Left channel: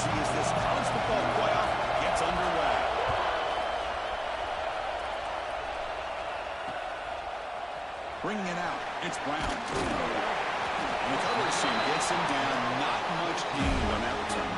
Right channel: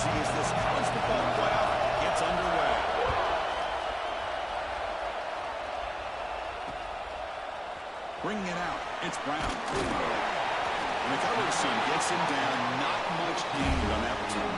energy as this college football playoff gets underway. Bringing it out, it's Brown. And the coverage team gets him down. Not much gained on that return.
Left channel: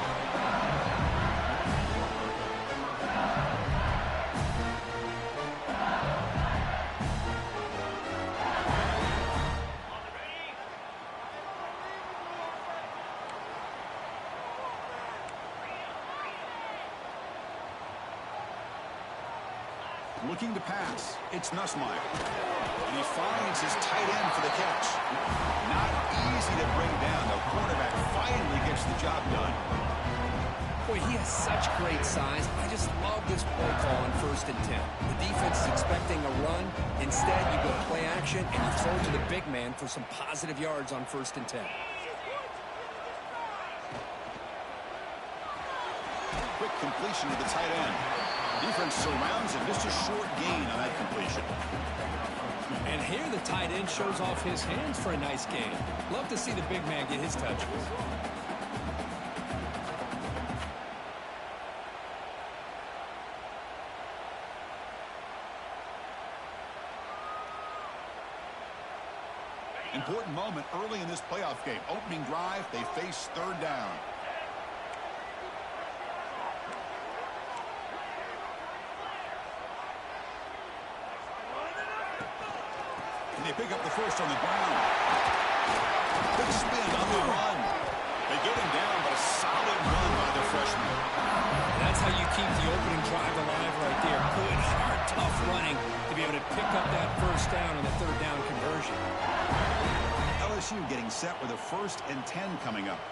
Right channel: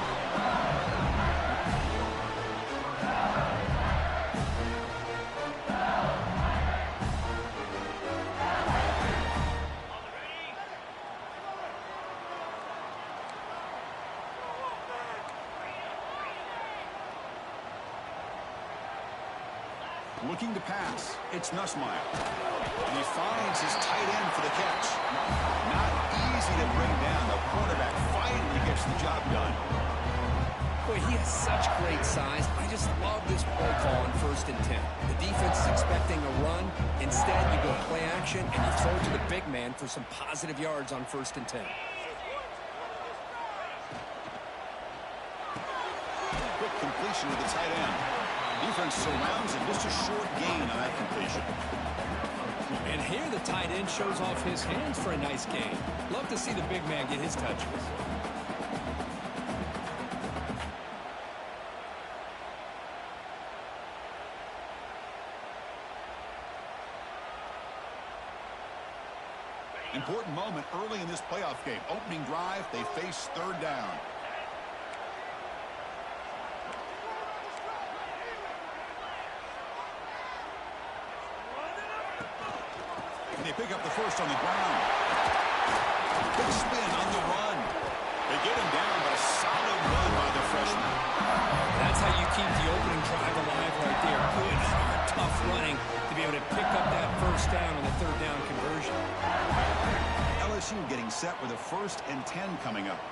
Looking to pass, it's Nussmeier. And he finds his tight end for the catch. Not easy to bring down. The quarterback finally gets the job done. Boy, he has such great size. I just love this play call on 1st and 10. The defense is expecting a run. Instead, you go play action, and you throw it to the big man for some positive yards on 1st and 10. Quick completion to the tight end. Defense surrounds him. Just a short gain on that completion. And here the tight end shows off his hands for a nice gain. Love to see the big man get his touches. Important moment early in this playoff game. Opening drive, they face 3rd down. And they pick up the first on the ground. Good spin on the run. They get him down, but a solid run by the freshman. That's how you keep the opening drive alive right there. Good, hard, tough running to be able to pick up that 1st down on the 3rd down conversion. LSU getting set with a 1st and 10 coming up.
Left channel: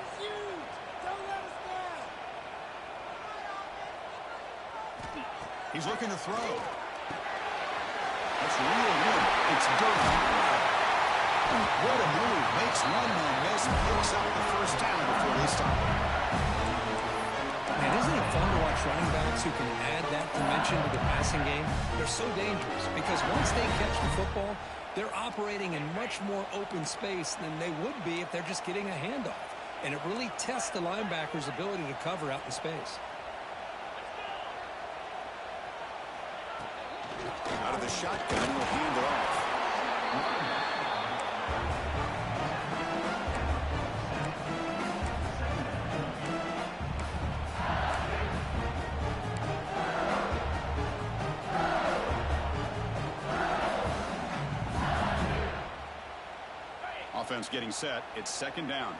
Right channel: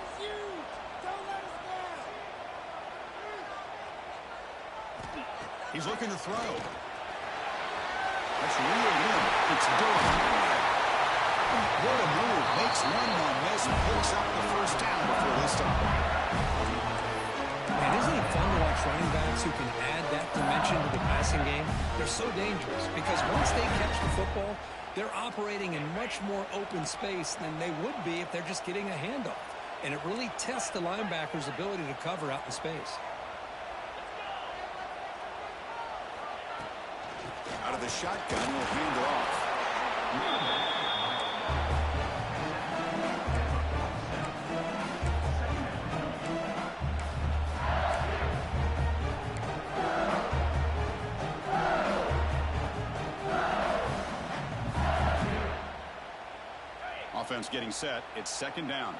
This is huge. Don't let us down. He's looking to throw. That's reeled in. It's Durham. What a move. Makes one more miss. Picks up the 1st down before they stop him. Man, isn't it fun to watch running backs who can add that dimension to the passing game? They're so dangerous because once they catch the football, they're operating in much more open space than they would be if they're just getting a handoff. And it really tests the linebacker's ability to cover out in space. Out of the shotgun, he'll hand it off. Offense getting set. It's 2nd down.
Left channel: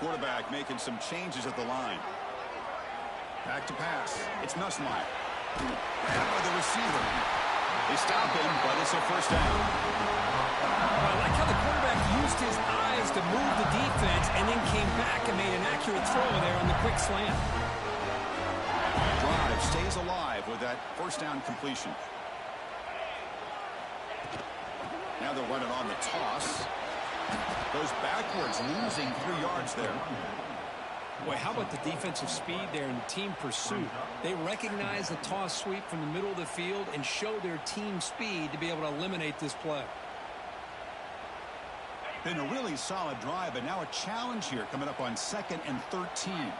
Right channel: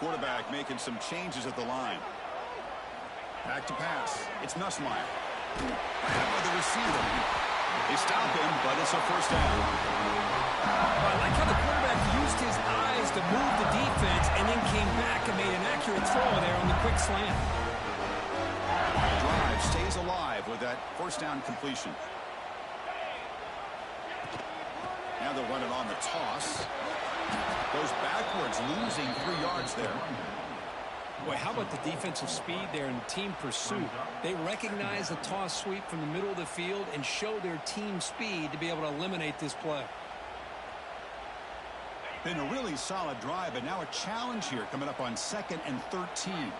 Quarterback making some changes at the line. Back to pass. It's Nussmeier. Grabbed by the receiver. They stop him, but it's a 1st down. Well, I like how the quarterback used his eyes to move the defense and then came back and made an accurate throw there on the quick slant. Drive stays alive with that 1st down completion. Now they'll run it on the toss. Goes backwards, losing 3 yards there. Boy, how about the defensive speed there and team pursuit? They recognize the toss sweep from the middle of the field and show their team speed to be able to eliminate this play. Been a really solid drive, but now a challenge here coming up on 2nd and 13.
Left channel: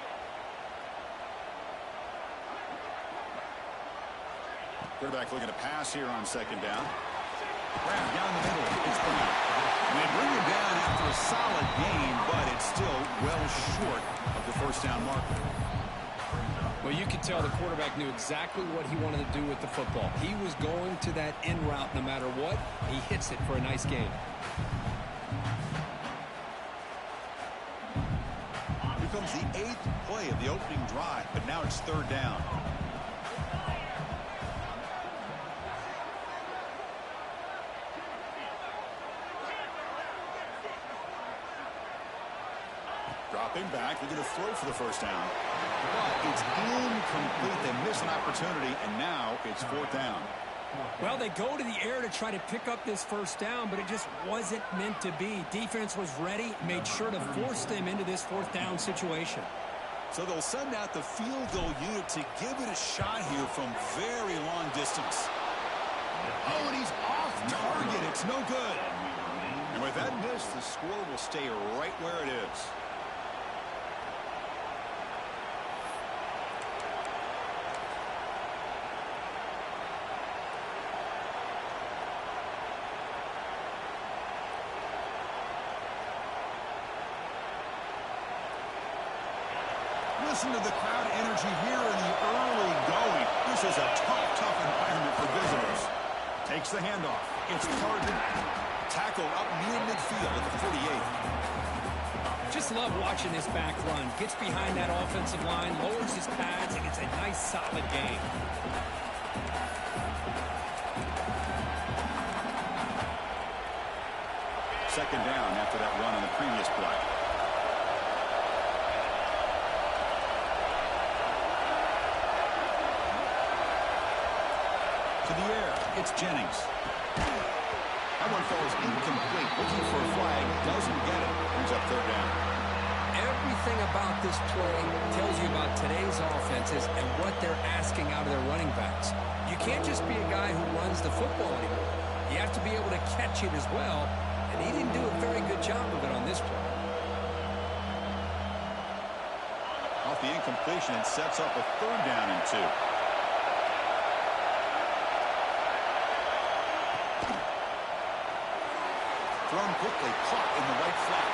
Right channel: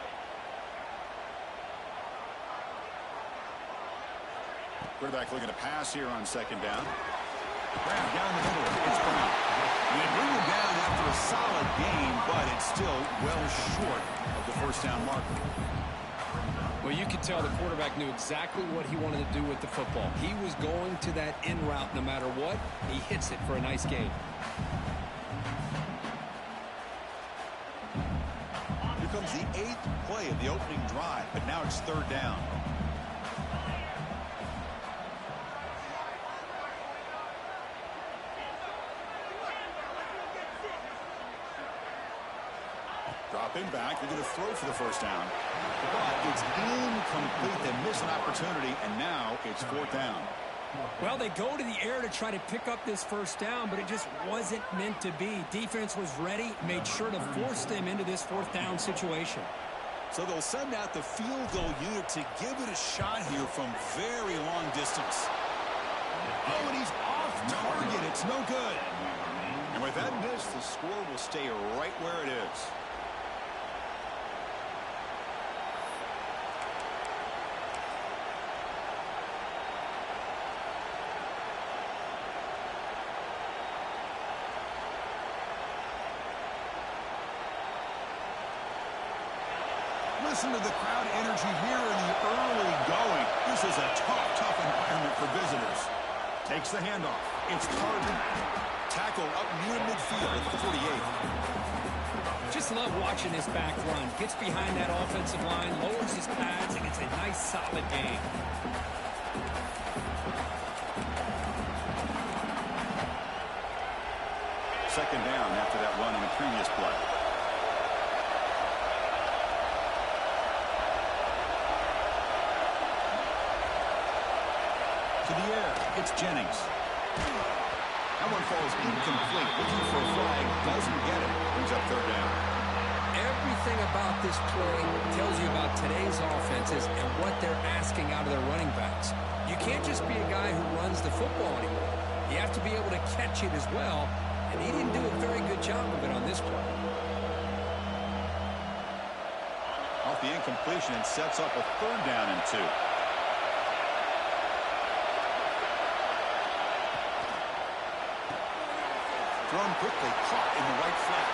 Quarterback looking to pass here on 2nd down. Brown down the middle. It's Brown. And they bring him down after a solid gain, but it's still well short of the 1st down marker. Well, you could tell the quarterback knew exactly what he wanted to do with the football. He was going to that in route no matter what. He hits it for a nice gain. Here comes the 8th play of the opening drive, but now it's 3rd down. Dropping back, they're going to throw for the 1st down. But it's incomplete. They miss an opportunity, and now it's 4th down. Well, they go to the air to try to pick up this 1st down, but it just wasn't meant to be. Defense was ready, made sure to force them into this 4th down situation. So they'll send out the field goal unit to give it a shot here from very long distance. Oh, and he's off target. It's no good. And With that miss, the score will stay right where it is. Listen to the crowd energy here in the early going. This is a tough environment for visitors. Takes the handoff. It's Harden. Tackled up near midfield at the 48th. Just love watching this back run. Gets behind that offensive line, lowers his pads, and it's a nice, solid game. Second down after that run on the previous play. To the air, it's Jennings. That one falls incomplete. Looking for a flag, doesn't get it. Brings up third down. Everything about this play tells you about today's offenses and what they're asking out of their running backs. You can't just be a guy who runs the football anymore. You have to be able to catch it as well, and he didn't do a very good job of it on this play. Off the incompletion, it sets up a third down and 2. Thrown quickly, caught in the right flat.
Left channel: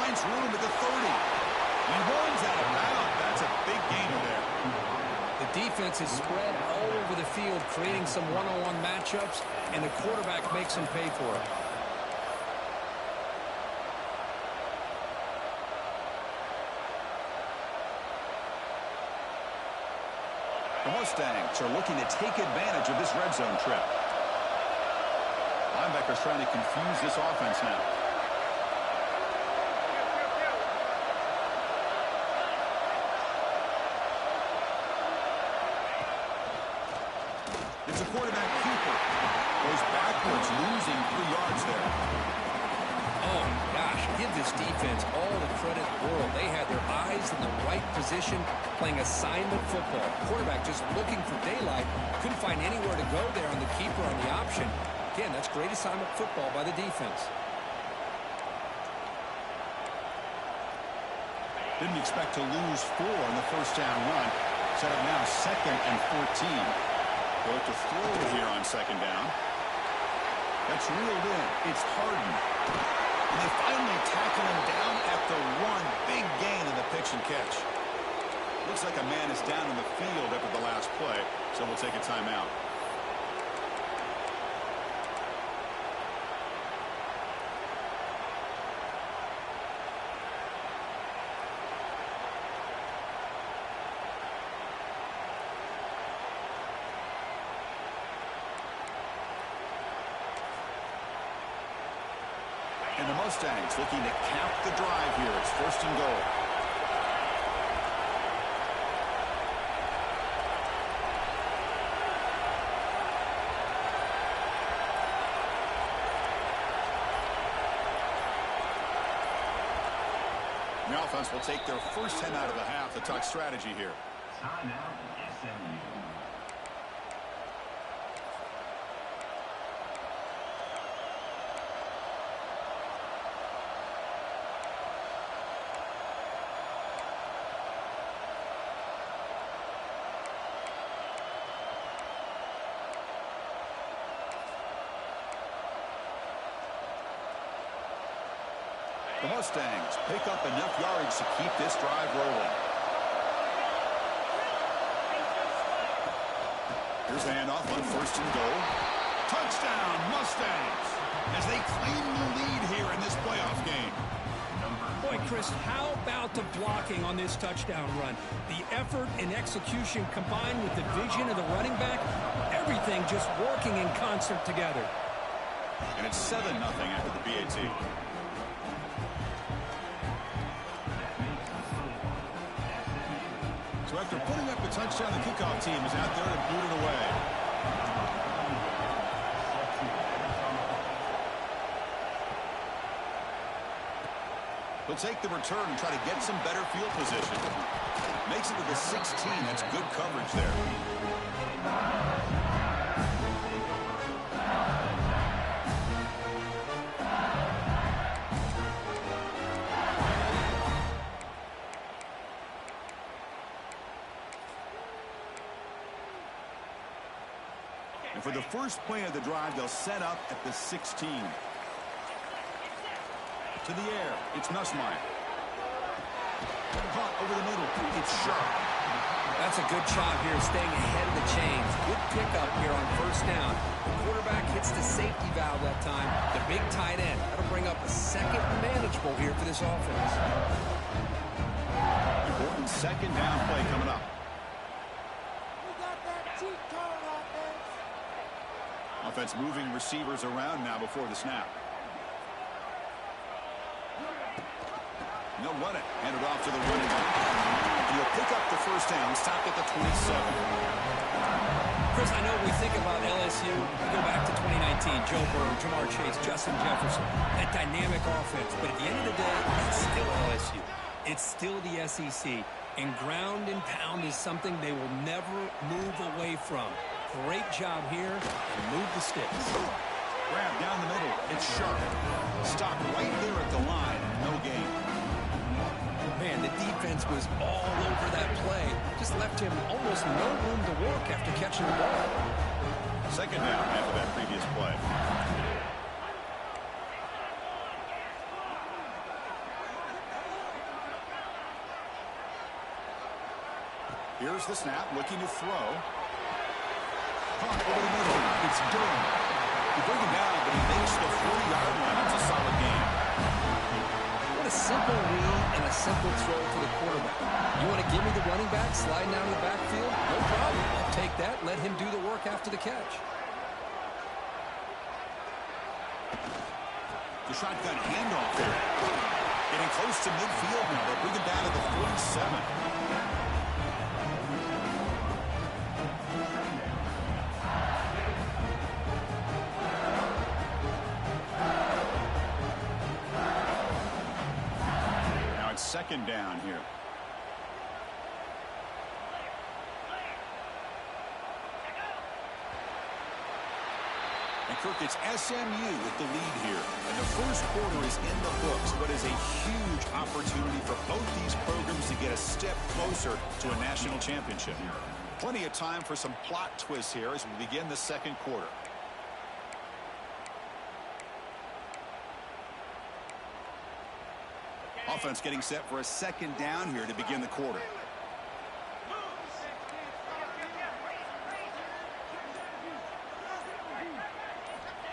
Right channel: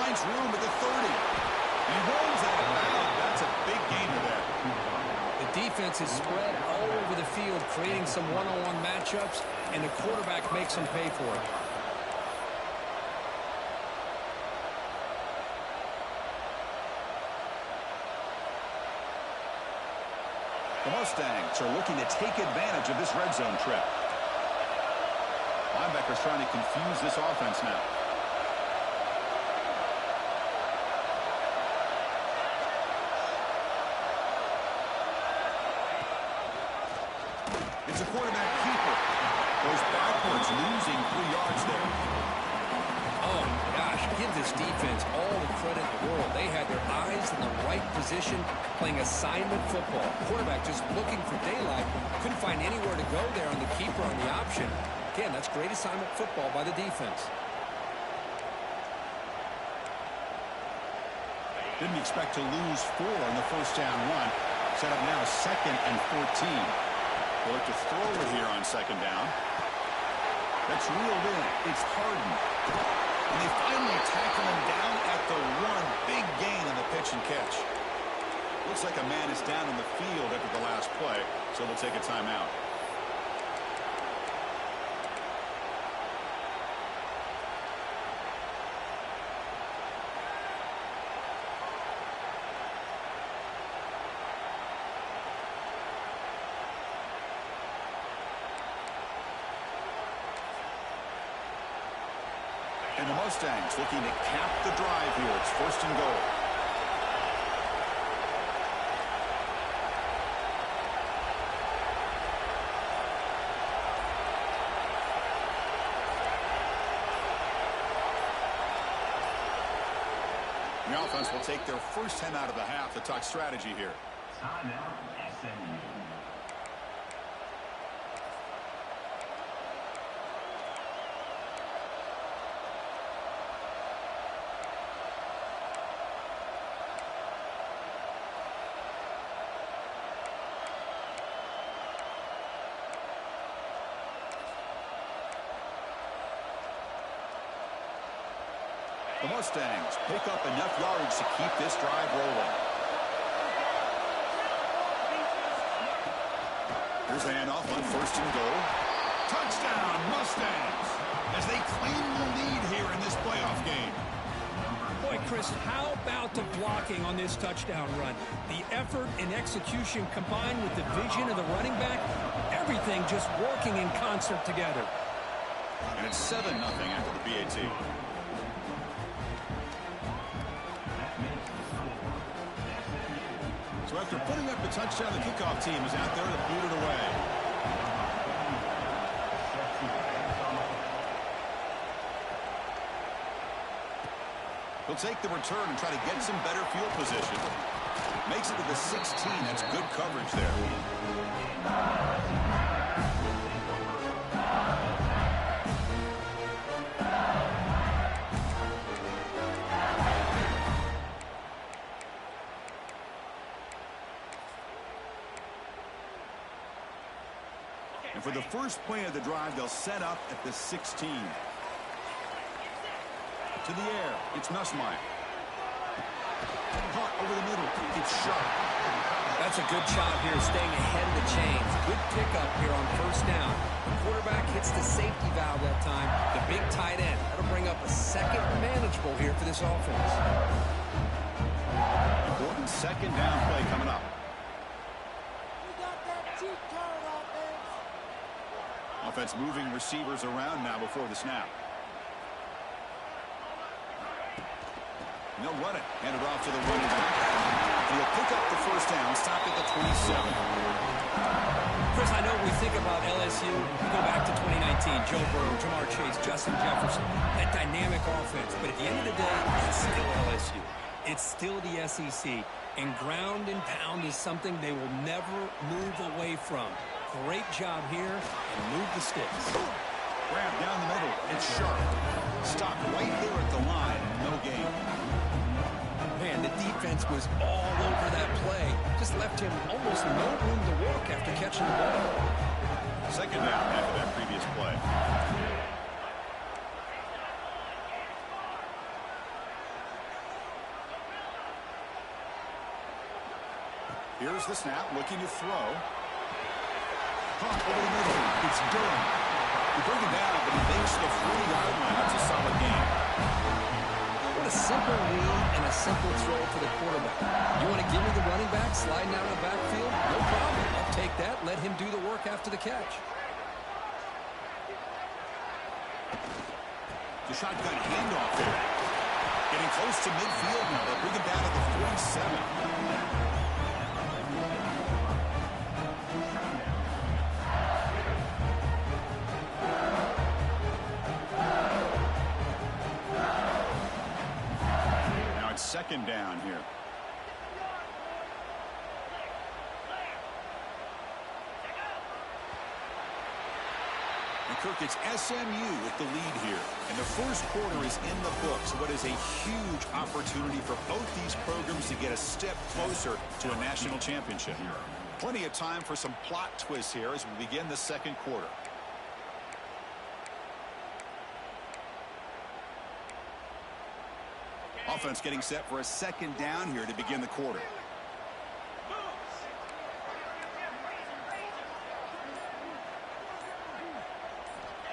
Finds room at the 30. And he runs out of bounds. That's a big gainer there. The defense is spread all over the field, creating some one-on-one matchups, and the quarterback makes them pay for it. The Mustangs are looking to take advantage of this red zone trip. Linebackers trying to confuse this offense now. It's a quarterback keeper. Goes backwards, losing 3 yards there. Oh, gosh, give this defense all the credit in the world. They had their eyes in the right position, playing assignment football. Quarterback just looking for daylight. Couldn't find anywhere to go there on the keeper on the option. Again, that's great assignment football by the defense. Didn't expect to lose 4 on the first down run. Set up now 2nd and 14. They'll look to throw it here on 2nd down. That's reeled in. It's Harden. And they finally tackle him down at the 1. Big gain on the pitch and catch. Looks like a man is down in the field after the last play, so we'll take a timeout. And the Mustangs looking to cap the drive here. It's 1st and goal. The offense will take their first 10 out of the half to talk strategy here. Timeout, SMU. The Mustangs pick up enough yardage to keep this drive rolling. Here's a handoff on 1st and goal. Touchdown, Mustangs, as they claim the lead here in this playoff game. Boy, Chris, how about the blocking on this touchdown run? The effort and execution combined with the vision of the running back, everything just working in concert together. And it's 7-0 after the BAT. So after putting up the touchdown, the kickoff team is out there to boot it away. He'll take the return and try to get some better field position. Makes it to the 16. That's good coverage there. for the first play of the drive, they'll set up at the 16. To the air, it's Nussmeier. Caught over the middle, it's Sharp. That's a good job here, staying ahead of the chains. Good pickup here on first down. The quarterback hits the safety valve that time. The big tight end. That'll bring up a second manageable here for this offense. Important second down play coming up. We got that cheat code offense. Offense moving receivers around now before the snap. And they'll run it. Hand it off to the running back. And he'll pick up the first down, stopped at the 27. Chris, I know we think about LSU. We go back to 2019. Joe Burrow, Jamar Chase, Justin Jefferson. That dynamic offense. But at the end of the day, it's still LSU. It's still the SEC. And ground and pound is something they will never move away from. Great job here, and move the sticks. Grab down the middle. It's Sharp. Stopped right there at the line. No gain. Man, the defense was all over that play. Just left him almost no room to walk after catching the ball. Second down after that previous play. Here's the snap, looking to throw. Caught over the middle. It's Durham. We bring him down, but he makes the 40-yard line. That's a solid game. What a simple read and a simple throw for the quarterback. You want to give me the running back sliding out of the backfield? No problem. I'll take that. Let him do the work after the catch. The shotgun handoff there. Getting close to midfield now. They'll bring him down to the 47. Second down here. And Kirk, it's SMU with the lead here. And the first quarter is in the books. What is a huge opportunity for both these programs to get a step closer to a national championship. Plenty of time for some plot twists here as we begin the second quarter. Offense getting set for a second down here to begin the quarter.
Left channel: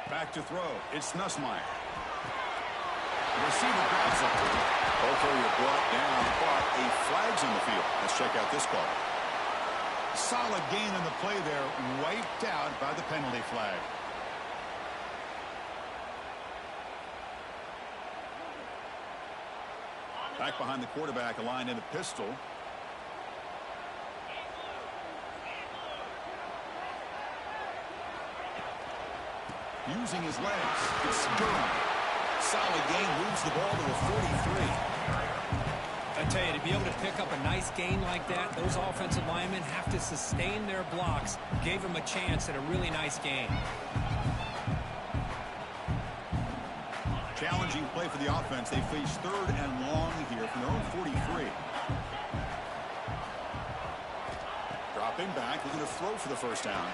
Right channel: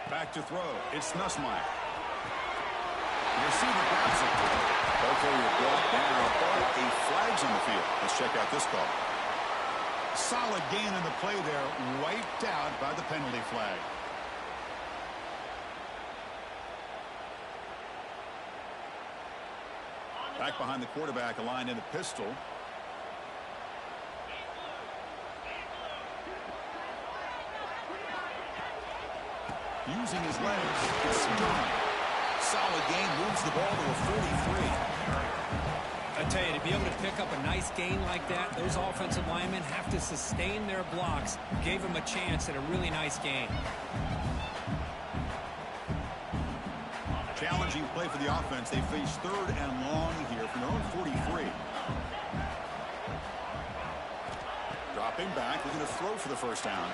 Back to throw. It's Nussmeier. The receiver grabs it. Ball carrier brought down, but a flag's on the field. Let's check out this call. Solid gain on the play there, wiped out by the penalty flag. Back behind the quarterback, aligned in a pistol. Using his legs, it's Durham. Solid gain, moves the ball to a 43. I tell you, to be able to pick up a nice gain like that, those offensive linemen have to sustain their blocks. Gave him a chance at a really nice gain. Challenging play for the offense. They face third and long here from their own 43. Dropping back, looking to throw for the first down.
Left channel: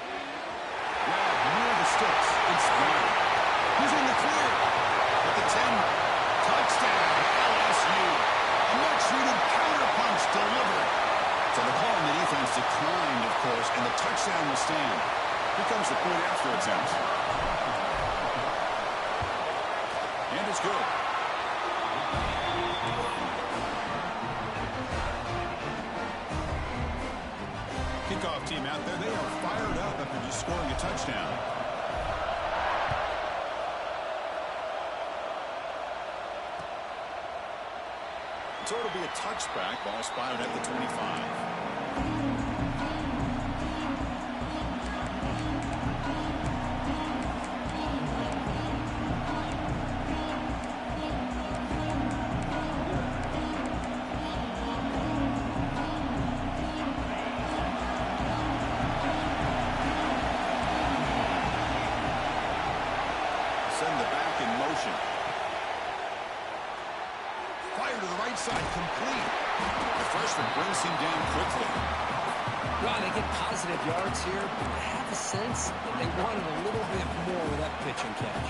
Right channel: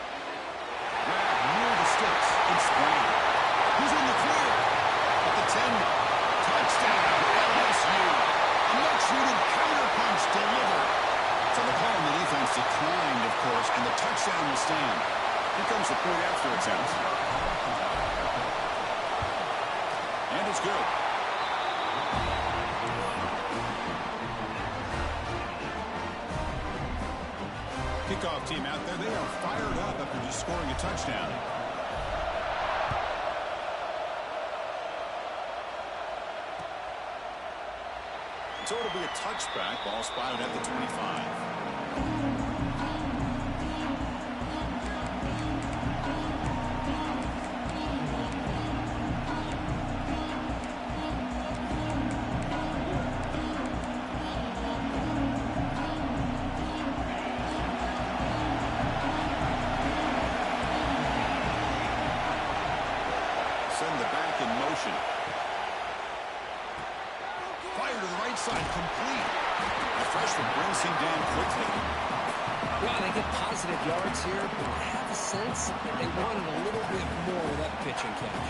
Grab near the sticks. It's Brown. He's in the clear. At the 10, touchdown, LSU. A much-needed counterpunch delivered. So the call on the defense declined, of course, and the touchdown will stand. Here comes the point after attempts. And it's good. Kickoff team out there. They are fired up after just scoring a touchdown. So it'll be a touchback. Ball spotted at the 25. Send the back in motion. Fire to the right side, complete. The freshman brings him down quickly. Well, they get positive yards here, but I have a sense that they wanted a little bit more with that pitch and catch.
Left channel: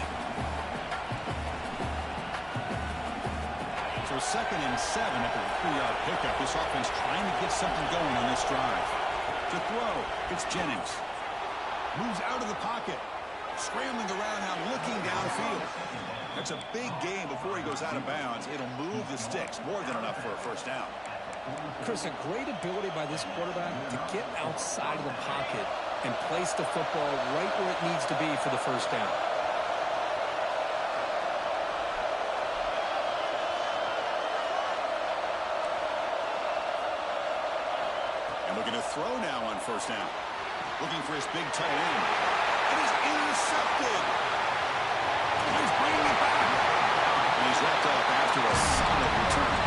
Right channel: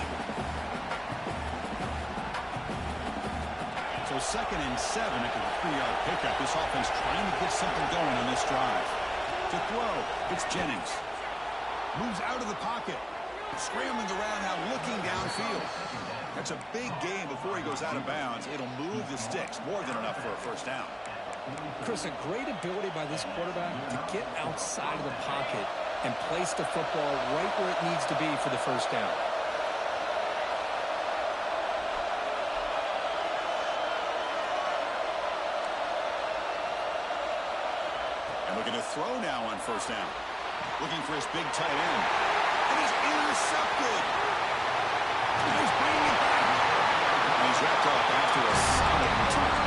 So 2nd and 7 after the 3-yard pickup. This offense trying to get something going on this drive. To throw, it's Jennings. Moves out of the pocket. Scrambling around now, looking downfield. That's a big gain before he goes out of bounds. It'll move the sticks. More than enough for a first down. Chris, a great ability by this quarterback to get outside of the pocket and place the football right where it needs to be for the first down. And looking to throw now on first down. Looking for his big tight end. And he's intercepted. And he's bringing it back. And he's wrapped up after a solid return.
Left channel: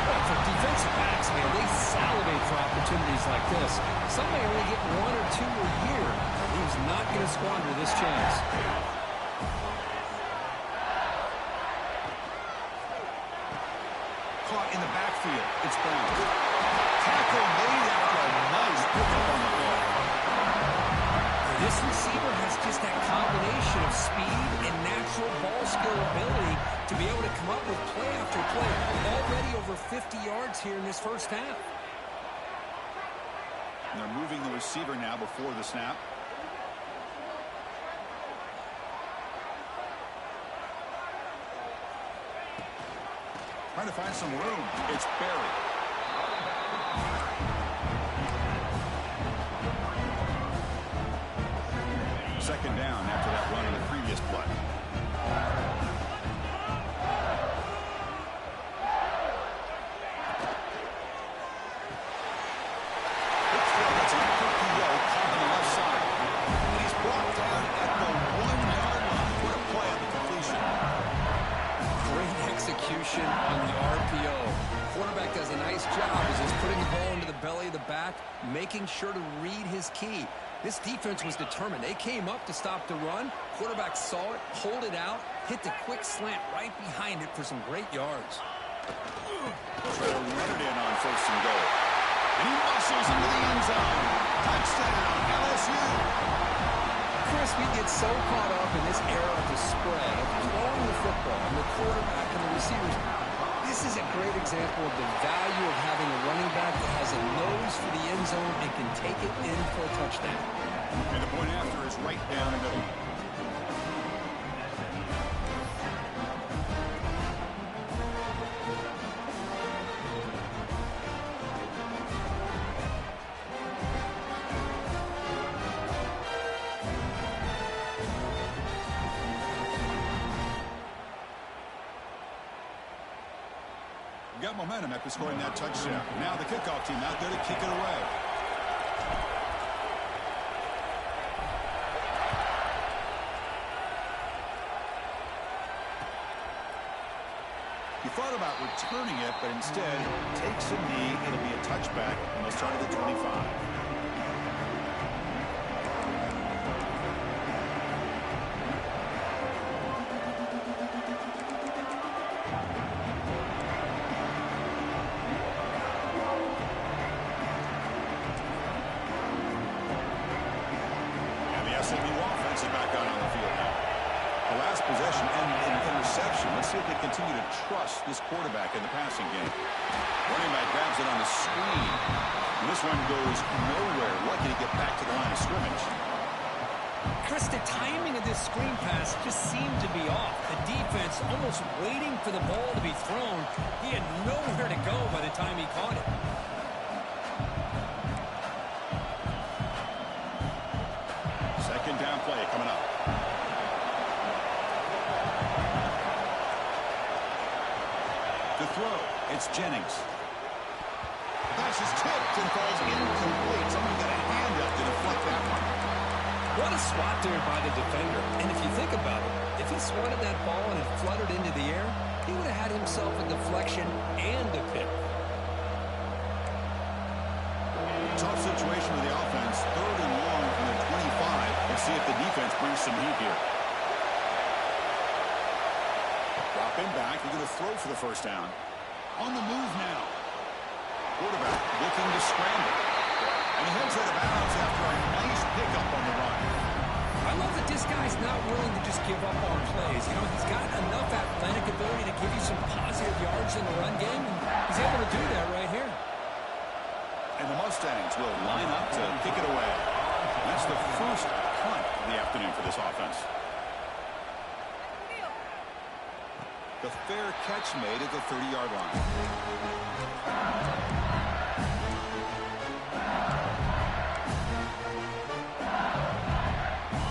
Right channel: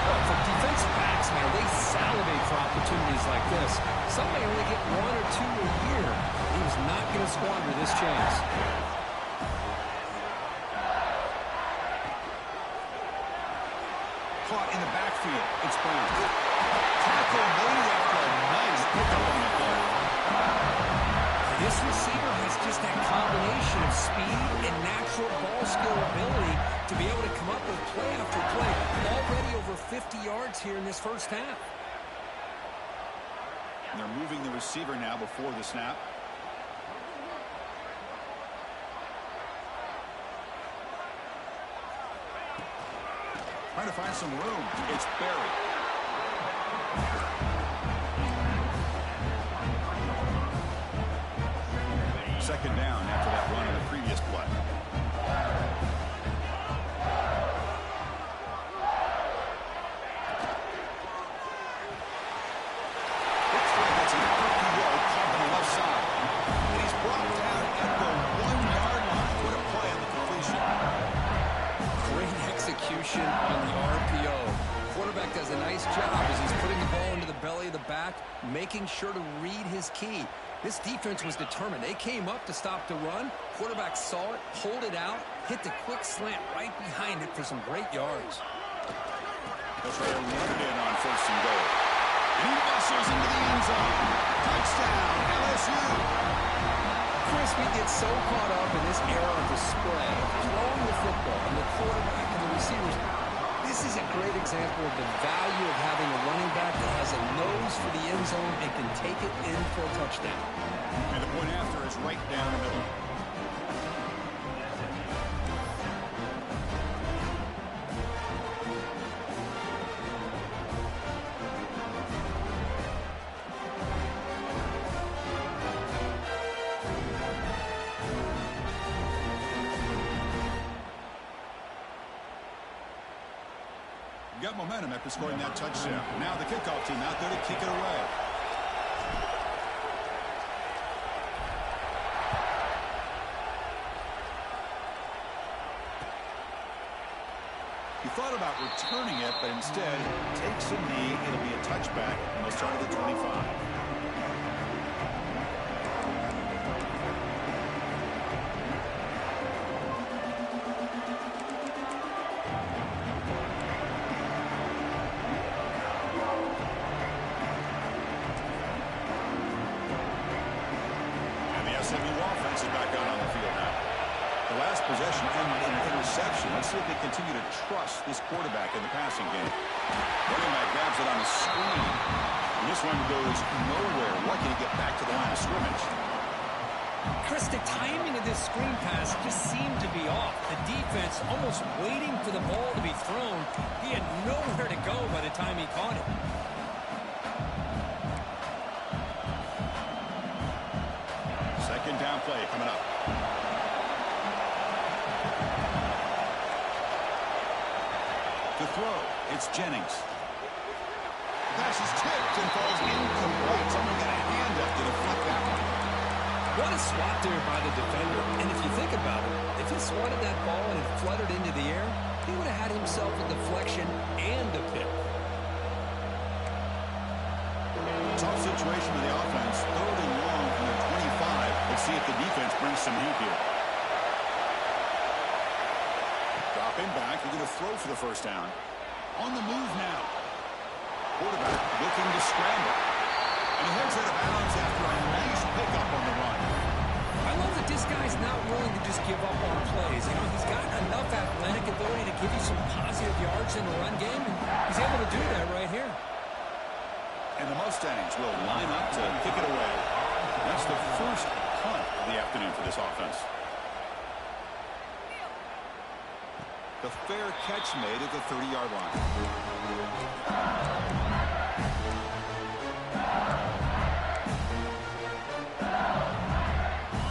Well, for defensive backs, man, they salivate for opportunities like this. Some may only get 1 or 2 a year. He's not going to squander this chance. Caught in the backfield. It's Brown. Tackle made after a nice pickup on the play. This receiver has just that combination of speed and natural ball skill ability to be able to come up with play after play. Already over 50 yards here in this first half. And they're moving the receiver now before the snap. Trying to find some room. It's Barry. Second down after that run on the previous play. Looks like that's an RPO caught on the left side. And he's brought down at the 1-yard line. What a play on the completion. Great execution on the RPO. Quarterback does a nice job as he's putting the ball into the belly of the back, making sure to read his key. This defense was determined. They came up to stop the run. Quarterback saw it, pulled it out, hit the quick slant right behind it for some great yards. They'll try to run it in on first and goal. And he muscles into the end zone. Touchdown, LSU. Chris, we get so caught up in this era of the spread, of throwing the football, and the quarterback and the receivers. This is a great example of the value of having a running back that has a nose for the end zone and can take it in for a touchdown. And the point after is right down the middle. Got momentum after scoring that touchdown. Now the kickoff team out there to kick it away. He thought about returning it, but instead takes a knee. It'll be a touchback, and they'll start at the 25. SMU offense is back out on the field now. The last possession ended in an interception. Let's see if they continue to trust this quarterback in the passing game. Running back grabs it on the screen. And this one goes nowhere. Lucky to get back to the line of scrimmage. Chris, the timing of this screen pass just seemed to be off. The defense almost waiting for the ball to be thrown. He had nowhere to go by the time he caught it. Second down play coming up. To throw, it's Jennings. Pass is tipped and falls incomplete. Someone got a hand up to deflect that one. What a swat there by the defender. And if you think about it, if he swatted that ball and it fluttered into the air, he would have had himself a deflection and a pick. Tough situation for the offense. Third and long from their 25. Let's see if the defense brings some heat here. Dropping back. They're going to throw for the first down. On the move now. Quarterback looking to scramble. And he heads out of bounds after a nice pickup on the run. I love that this guy's not willing to just give up on plays. You know, he's got enough athletic ability to give you some positive yards in the run game, and he's able to do that right here. And the Mustangs will line up to kick it away. That's the first punt of the afternoon for this offense. The fair catch made at the 30-yard line.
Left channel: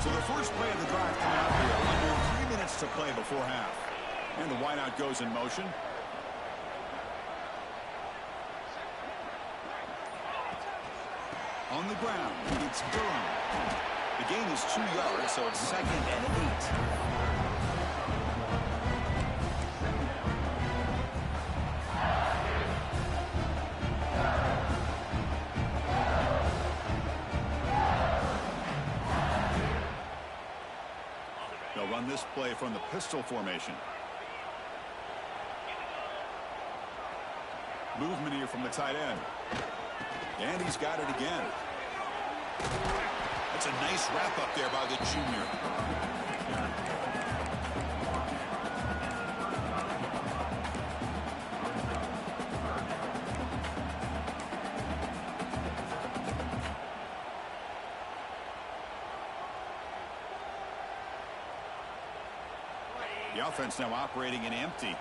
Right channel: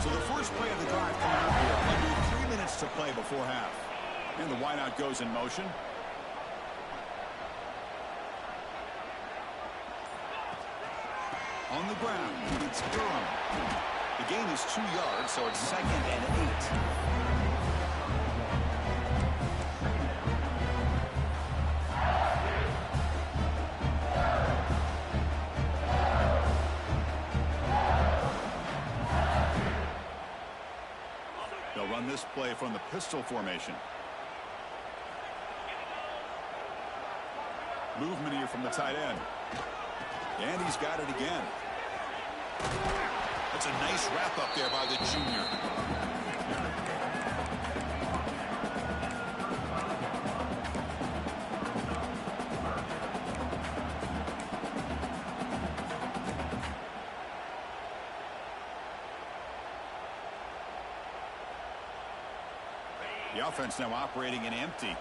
So the first play of the drive coming up here. Under 3 minutes to play before half. And the wideout goes in motion. On the ground, it's Durham. The gain is 2 yards, so it's 2nd and 8. They'll run this play from the pistol formation. Movement here from the tight end. And he's got it again. That's a nice wrap up there by the junior. The offense now operating in empty.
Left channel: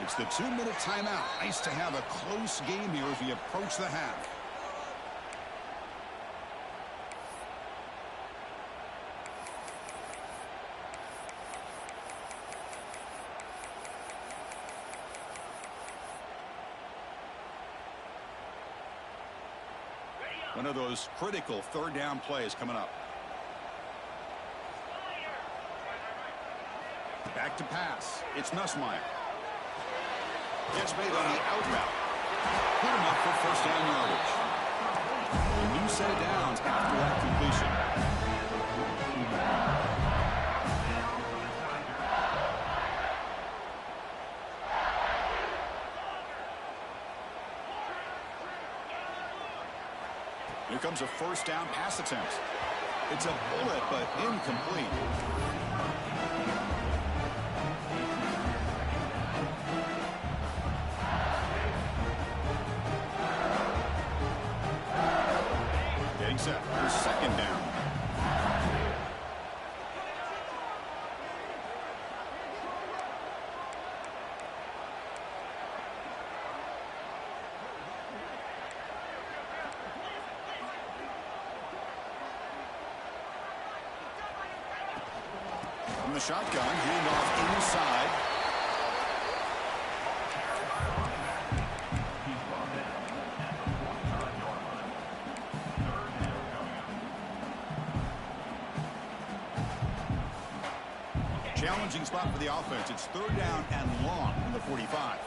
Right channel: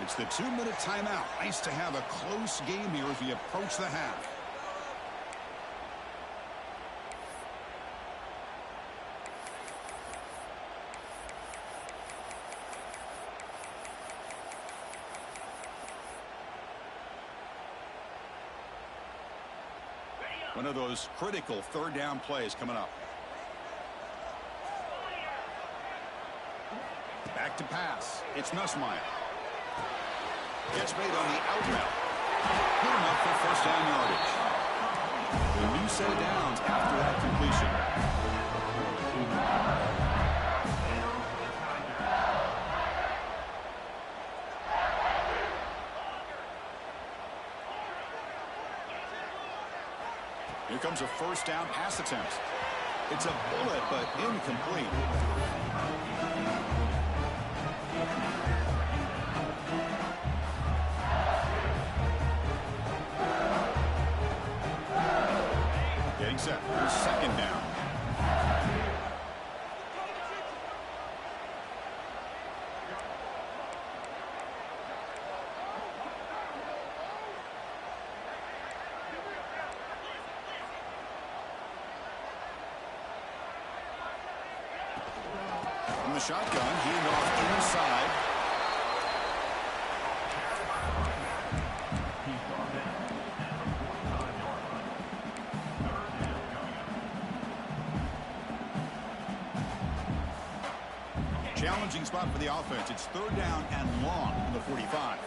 It's the 2-minute timeout. Nice to have a close game here as we approach the half. One of those critical third down plays coming up. Back to pass. It's Nussmeier. Gets made on the out route. Put him up for first down yardage. A new set of downs after that completion. Here comes a first down pass attempt. It's a bullet, but incomplete. Getting set for second down. From the shotgun, handoff inside. Challenging spot for the offense. It's third down and long from the 45.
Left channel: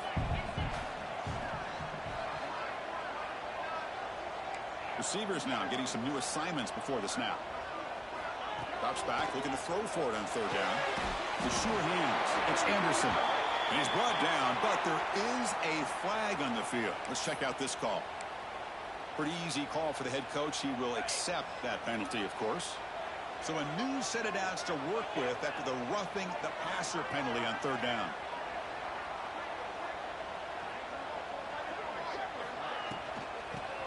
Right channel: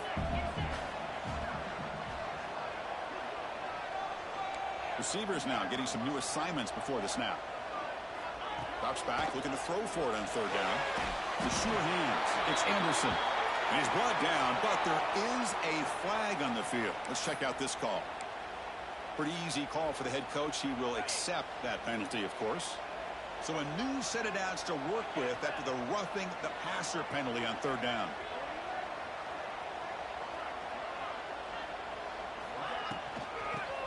Receivers now getting some new assignments before the snap. Drops back, looking to throw for it on third down. The sure hands. It's Anderson. And he's brought down, but there is a flag on the field. Let's check out this call. Pretty easy call for the head coach. He will accept that penalty, of course. So a new set of downs to work with after the roughing the passer penalty on third down.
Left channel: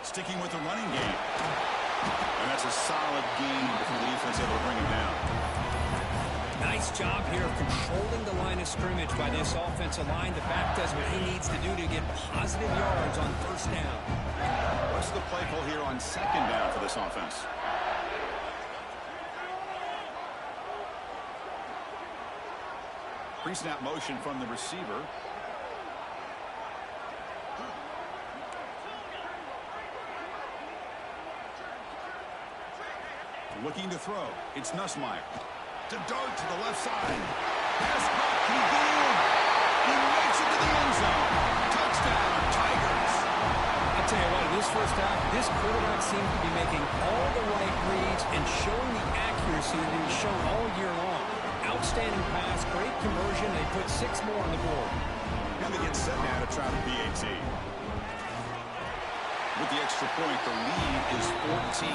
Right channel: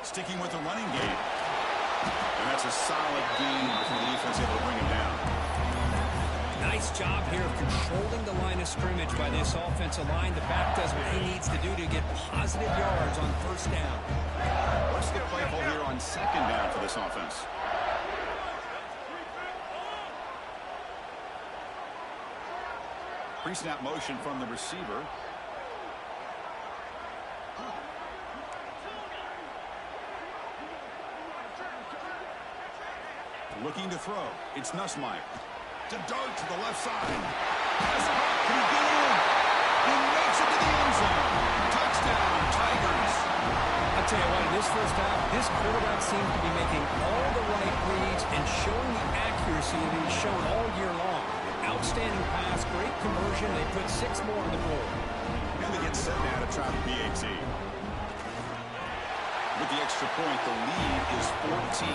Sticking with the running game. And that's a solid gain before the defense able to bring him down. Nice job here of controlling the line of scrimmage by this offensive line. The back does what he needs to do to get positive yards on first down. What's the play call here on second down for this offense? Pre-snap motion from the receiver. Looking to throw. It's Nussmeier. To dart to the left side. Pass caught. Can he get in? He makes it to the end zone. Touchdown, Tigers. I'll tell you what, in this first half, this quarterback seems to be making all the right reads and showing the accuracy that he's shown all year long. Outstanding pass, great conversion. They put 6 more on the board. And they get set now to try the PAT. With the extra point, the lead is 14.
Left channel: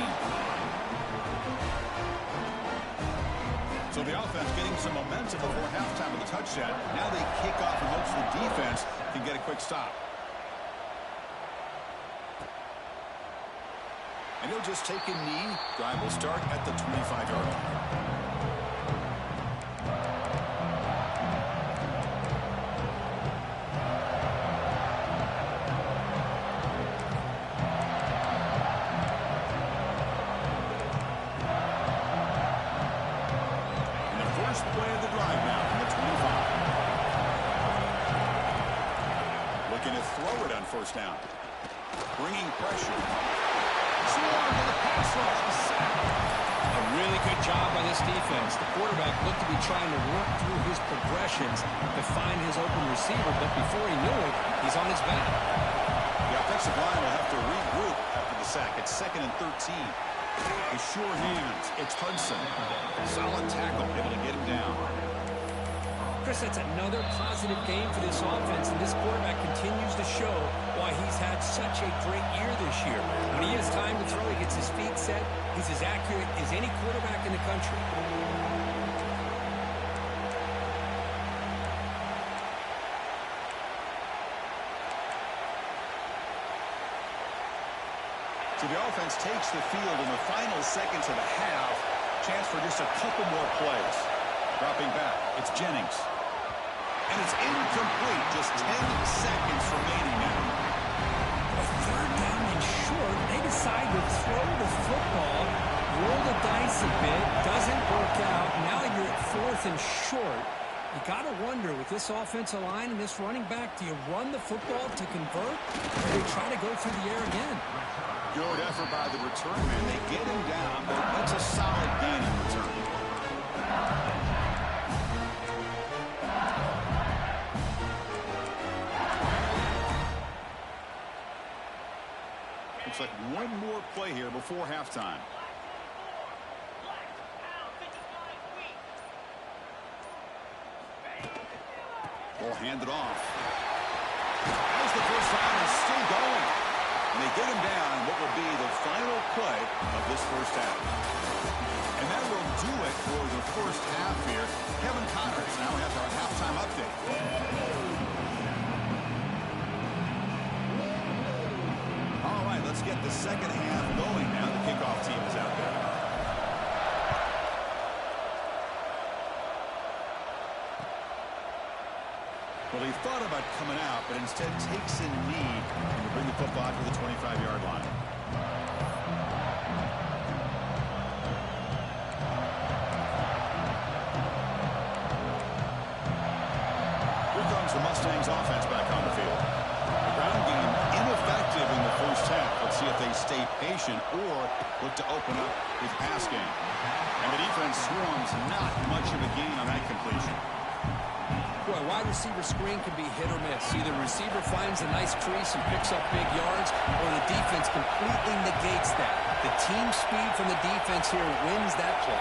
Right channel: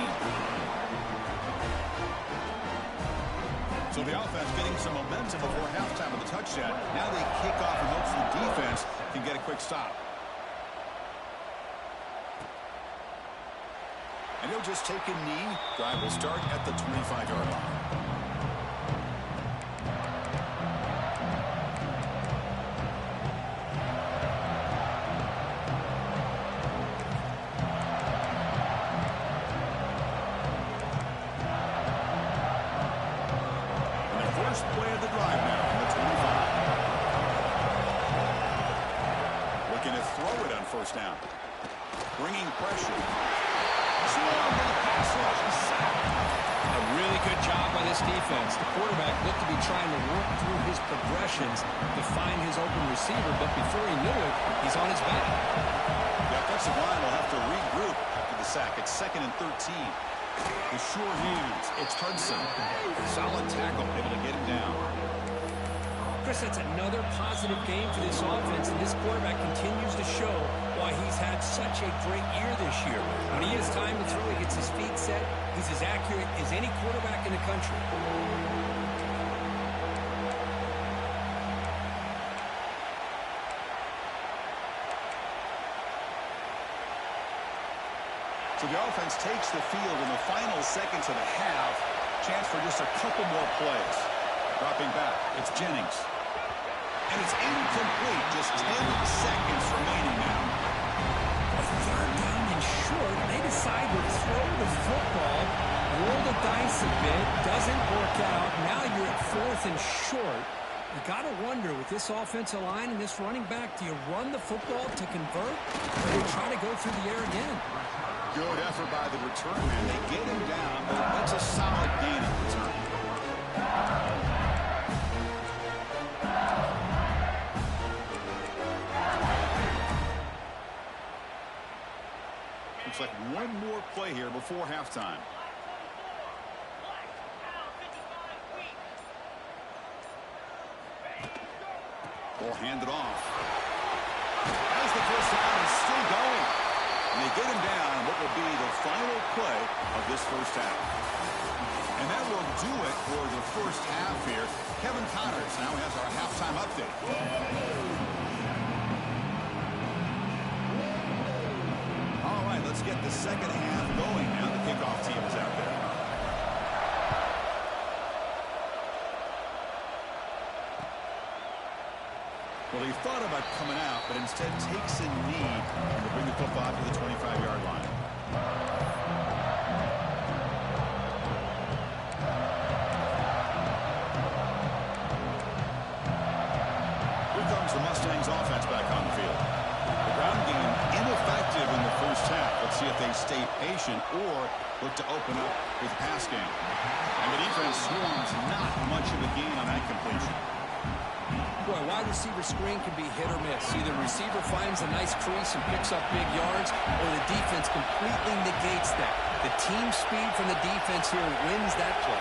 So the offense getting some momentum before halftime with a touchdown. Now they kick off in hopes the defense can get a quick stop. And he'll just take a knee. Drive will start at the 25-yard line. First play of the drive now from the 25. Looking to throw it on first down. Bringing pressure. Swarm for the pass rush. A sack. A really good job by this defense. The quarterback looked to be trying to work through his progressions to find his open receiver, but before he knew it, he's on his back. The offensive line will have to regroup after the sack. It's 2nd and 13. With sure hands, it's Hudson. Solid tackle, able to get him down. Chris, that's another positive game for this offense, and this quarterback continues to show why he's had such a great year this year. When he has time to throw, he gets his feet set. He's as accurate as any quarterback in the country. So the offense takes the field in the final seconds of the half. Chance for just a couple more plays. Dropping back, it's Jennings. And it's incomplete. Just 10 seconds remaining now. A third down and short. They decide to throw the football, roll the dice a bit, doesn't work out. Now you're at 4th and short. You got to wonder, with this offensive line and this running back, do you run the football to convert, or do you try to go through the air again? Good effort by the return man. They get him down, but that's a solid gain in return. Looks like one more play here before halftime. Ball handed off. As the first down is still going. And they get him down in what will be the final play of this first half. And that will do it for the first half here. Kevin Connors now has our halftime update. All right, let's get the second half going now. The kickoff team is out there. Well, he thought about coming out, but instead takes a knee and will bring the football to the 25-yard line. Here comes the Mustangs offense back on the field. The ground game ineffective in the first half. Let's see if they stay patient or look to open up with pass game. And the defense swarms not much of a gain on that completion. Boy, wide receiver screen can be hit or miss. Either receiver finds a nice crease and picks up big yards, or the defense completely negates that. The team speed from the defense here wins that play.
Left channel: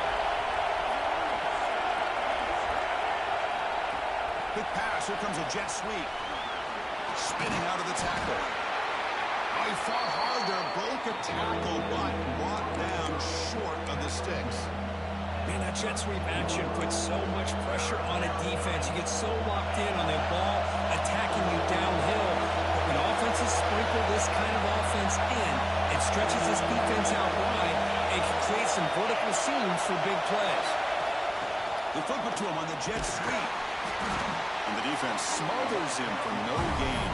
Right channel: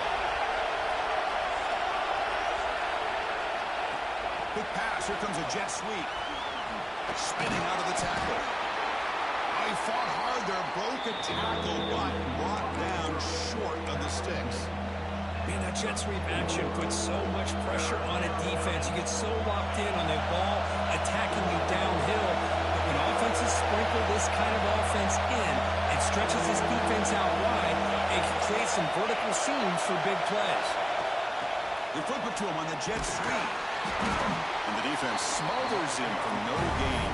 Quick pass. Here comes a jet sweep. Spinning out of the tackle. Oh, he fought hard there. Broke a tackle, but brought down short of the sticks. Man, that jet sweep action puts so much pressure on a defense. You get so locked in on the ball attacking you downhill. But when offenses sprinkle this kind of offense in, it stretches this defense out wide and can create some vertical seams for big plays. They flip it to him on the jet sweep. And the defense smothers him for no gain.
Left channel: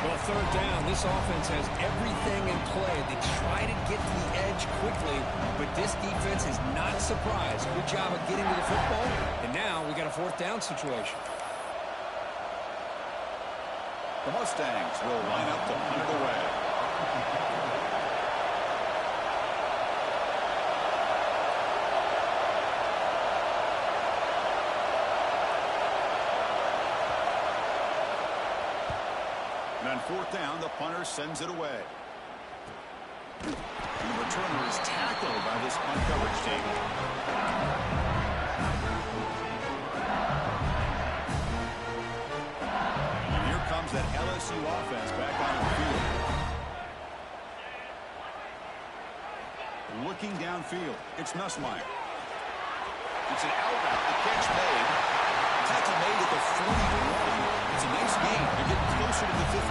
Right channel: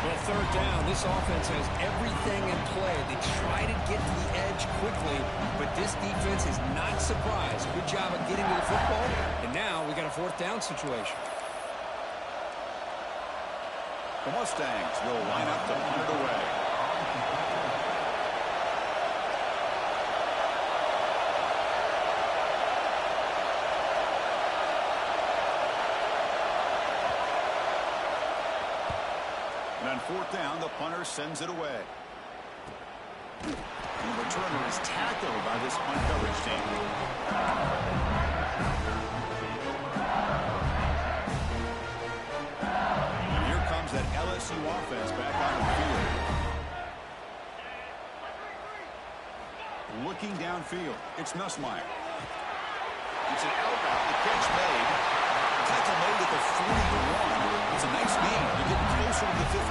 Well, third down, this offense has everything in play. They try to get to the edge quickly, but this defense is not surprised. Good job of getting to the football, and now we got a fourth down situation. The Mustangs will line up to punt it away. And on fourth down, the punter sends it away. And the returner is tackled by this punt coverage team. And here comes that LSU offense back on the field. looking downfield. It's Nussmeier. It's an out route. The catch made. Tackle made at the 41. It's a nice gain. They're getting closer to the 50.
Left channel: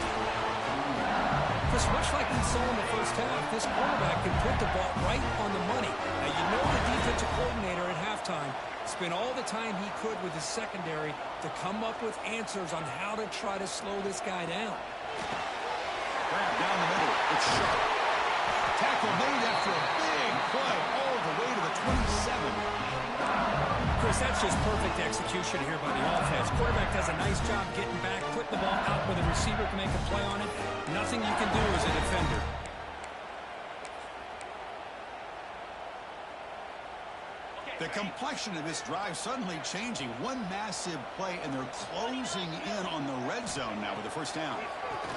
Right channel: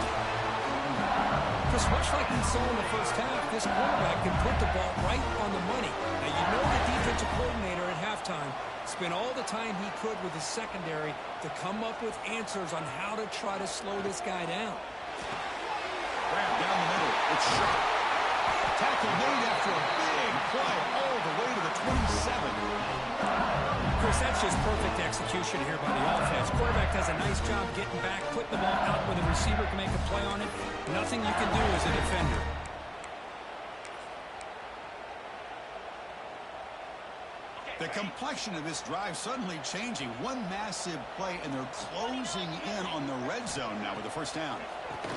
Chris, much like we saw in the first half, this quarterback can put the ball right on the money. Now, you know the defensive coordinator at halftime spent all the time he could with his secondary to come up with answers on how to try to slow this guy down. Grab down the middle. It's sharp. Tackle made after a big play all the way to the 27. Chris, that's just perfect execution here by the offense. Quarterback does a nice job getting back, putting the ball out where the receiver can make a play on it. Nothing you can do as a defender. The complexion of this drive suddenly changing. One massive play, and they're closing in on the red zone now with the first down.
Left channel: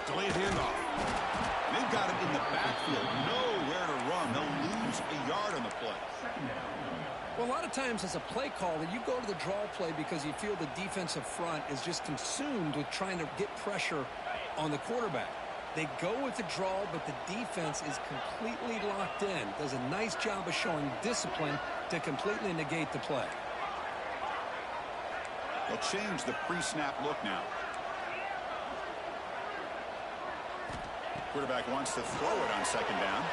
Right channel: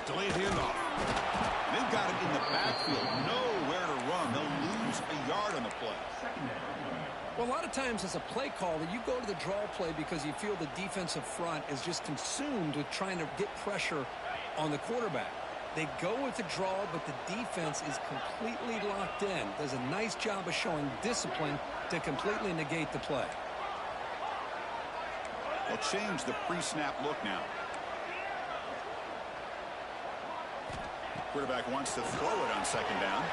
Delayed handoff. They've got it in the backfield. Nowhere to run. They'll lose a yard on the play. Well, a lot of times as a play caller, you go to the draw play because you feel the defensive front is just consumed with trying to get pressure on the quarterback. They go with the draw, but the defense is completely locked in. Does a nice job of showing discipline to completely negate the play. They'll change the pre-snap look now. Quarterback wants to throw it on second down.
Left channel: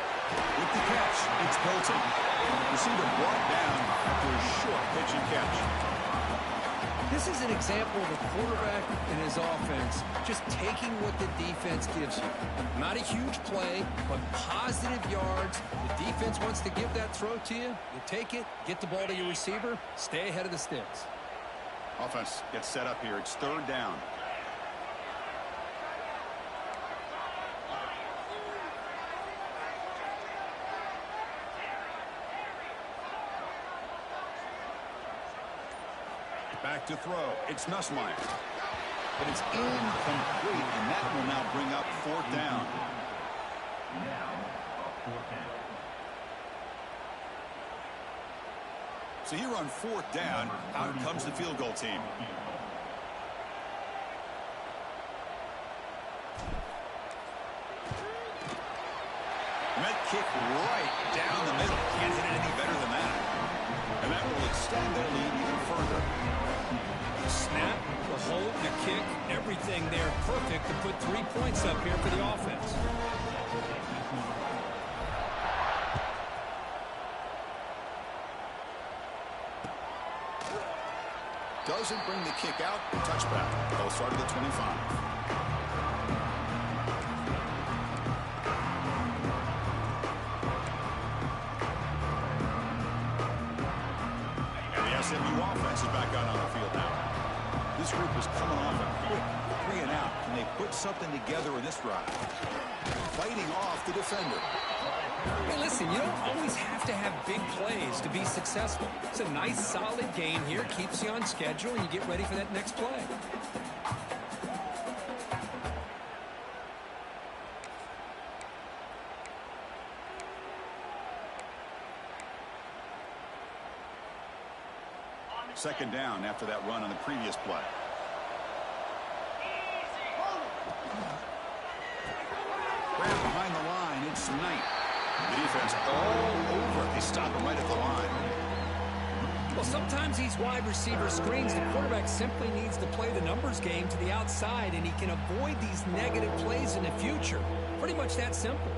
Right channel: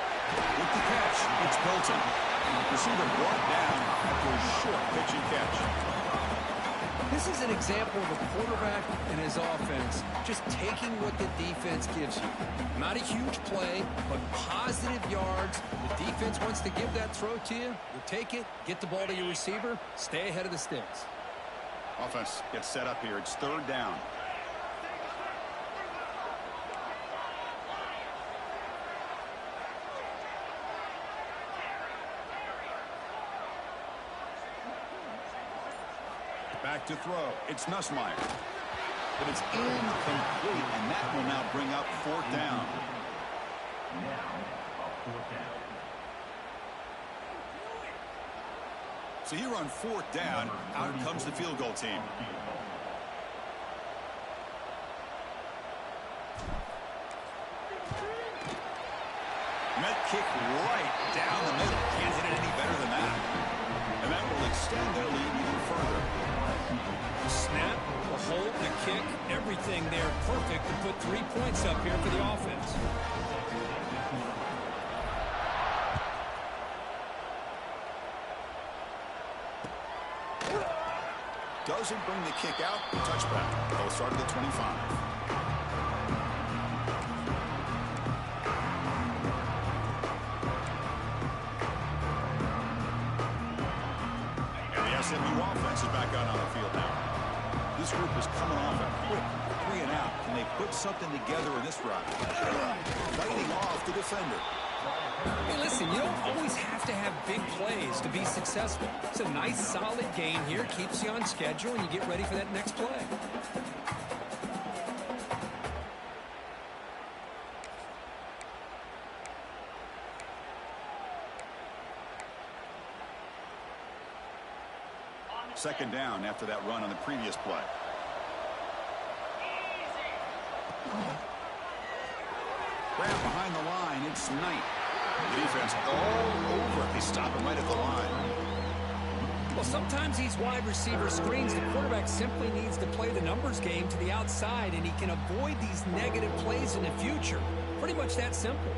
With the catch, it's Hilton. Receiver brought down after a short pitch and catch. This is an example of a quarterback and his offense just taking what the defense gives you. Not a huge play, but positive yards. The defense wants to give that throw to you. You take it, get the ball to your receiver, stay ahead of the sticks. Offense gets set up here. It's third down. Back to throw. It's Nussmeier. But it's incomplete, and that will now bring up fourth down. Now, a fourth down. So here on fourth down, out comes the field goal team. And that kick right down the middle. Can't hit it any better than that. And that will extend their lead even further. The snap, the hold, the kick, everything there perfect to put 3 points up here for the offense. Doesn't bring the kick out. Touchback. They'll start at the 25. SMU offense is back out on the field now. This group is coming off a quick 3 and out. Can they put something together in this drive? Fighting off the defender. Hey, listen, you don't always have to have big plays to be successful. It's a nice, solid game here. Keeps you on schedule, and you get ready for that next play. Second down after that run on the previous play. Grab behind the line. It's Knight. The defense all over it. They stop him right at the line. Well, sometimes these wide receiver screens, the quarterback simply needs to play the numbers game to the outside, and he can avoid these negative plays in the future. Pretty much that simple.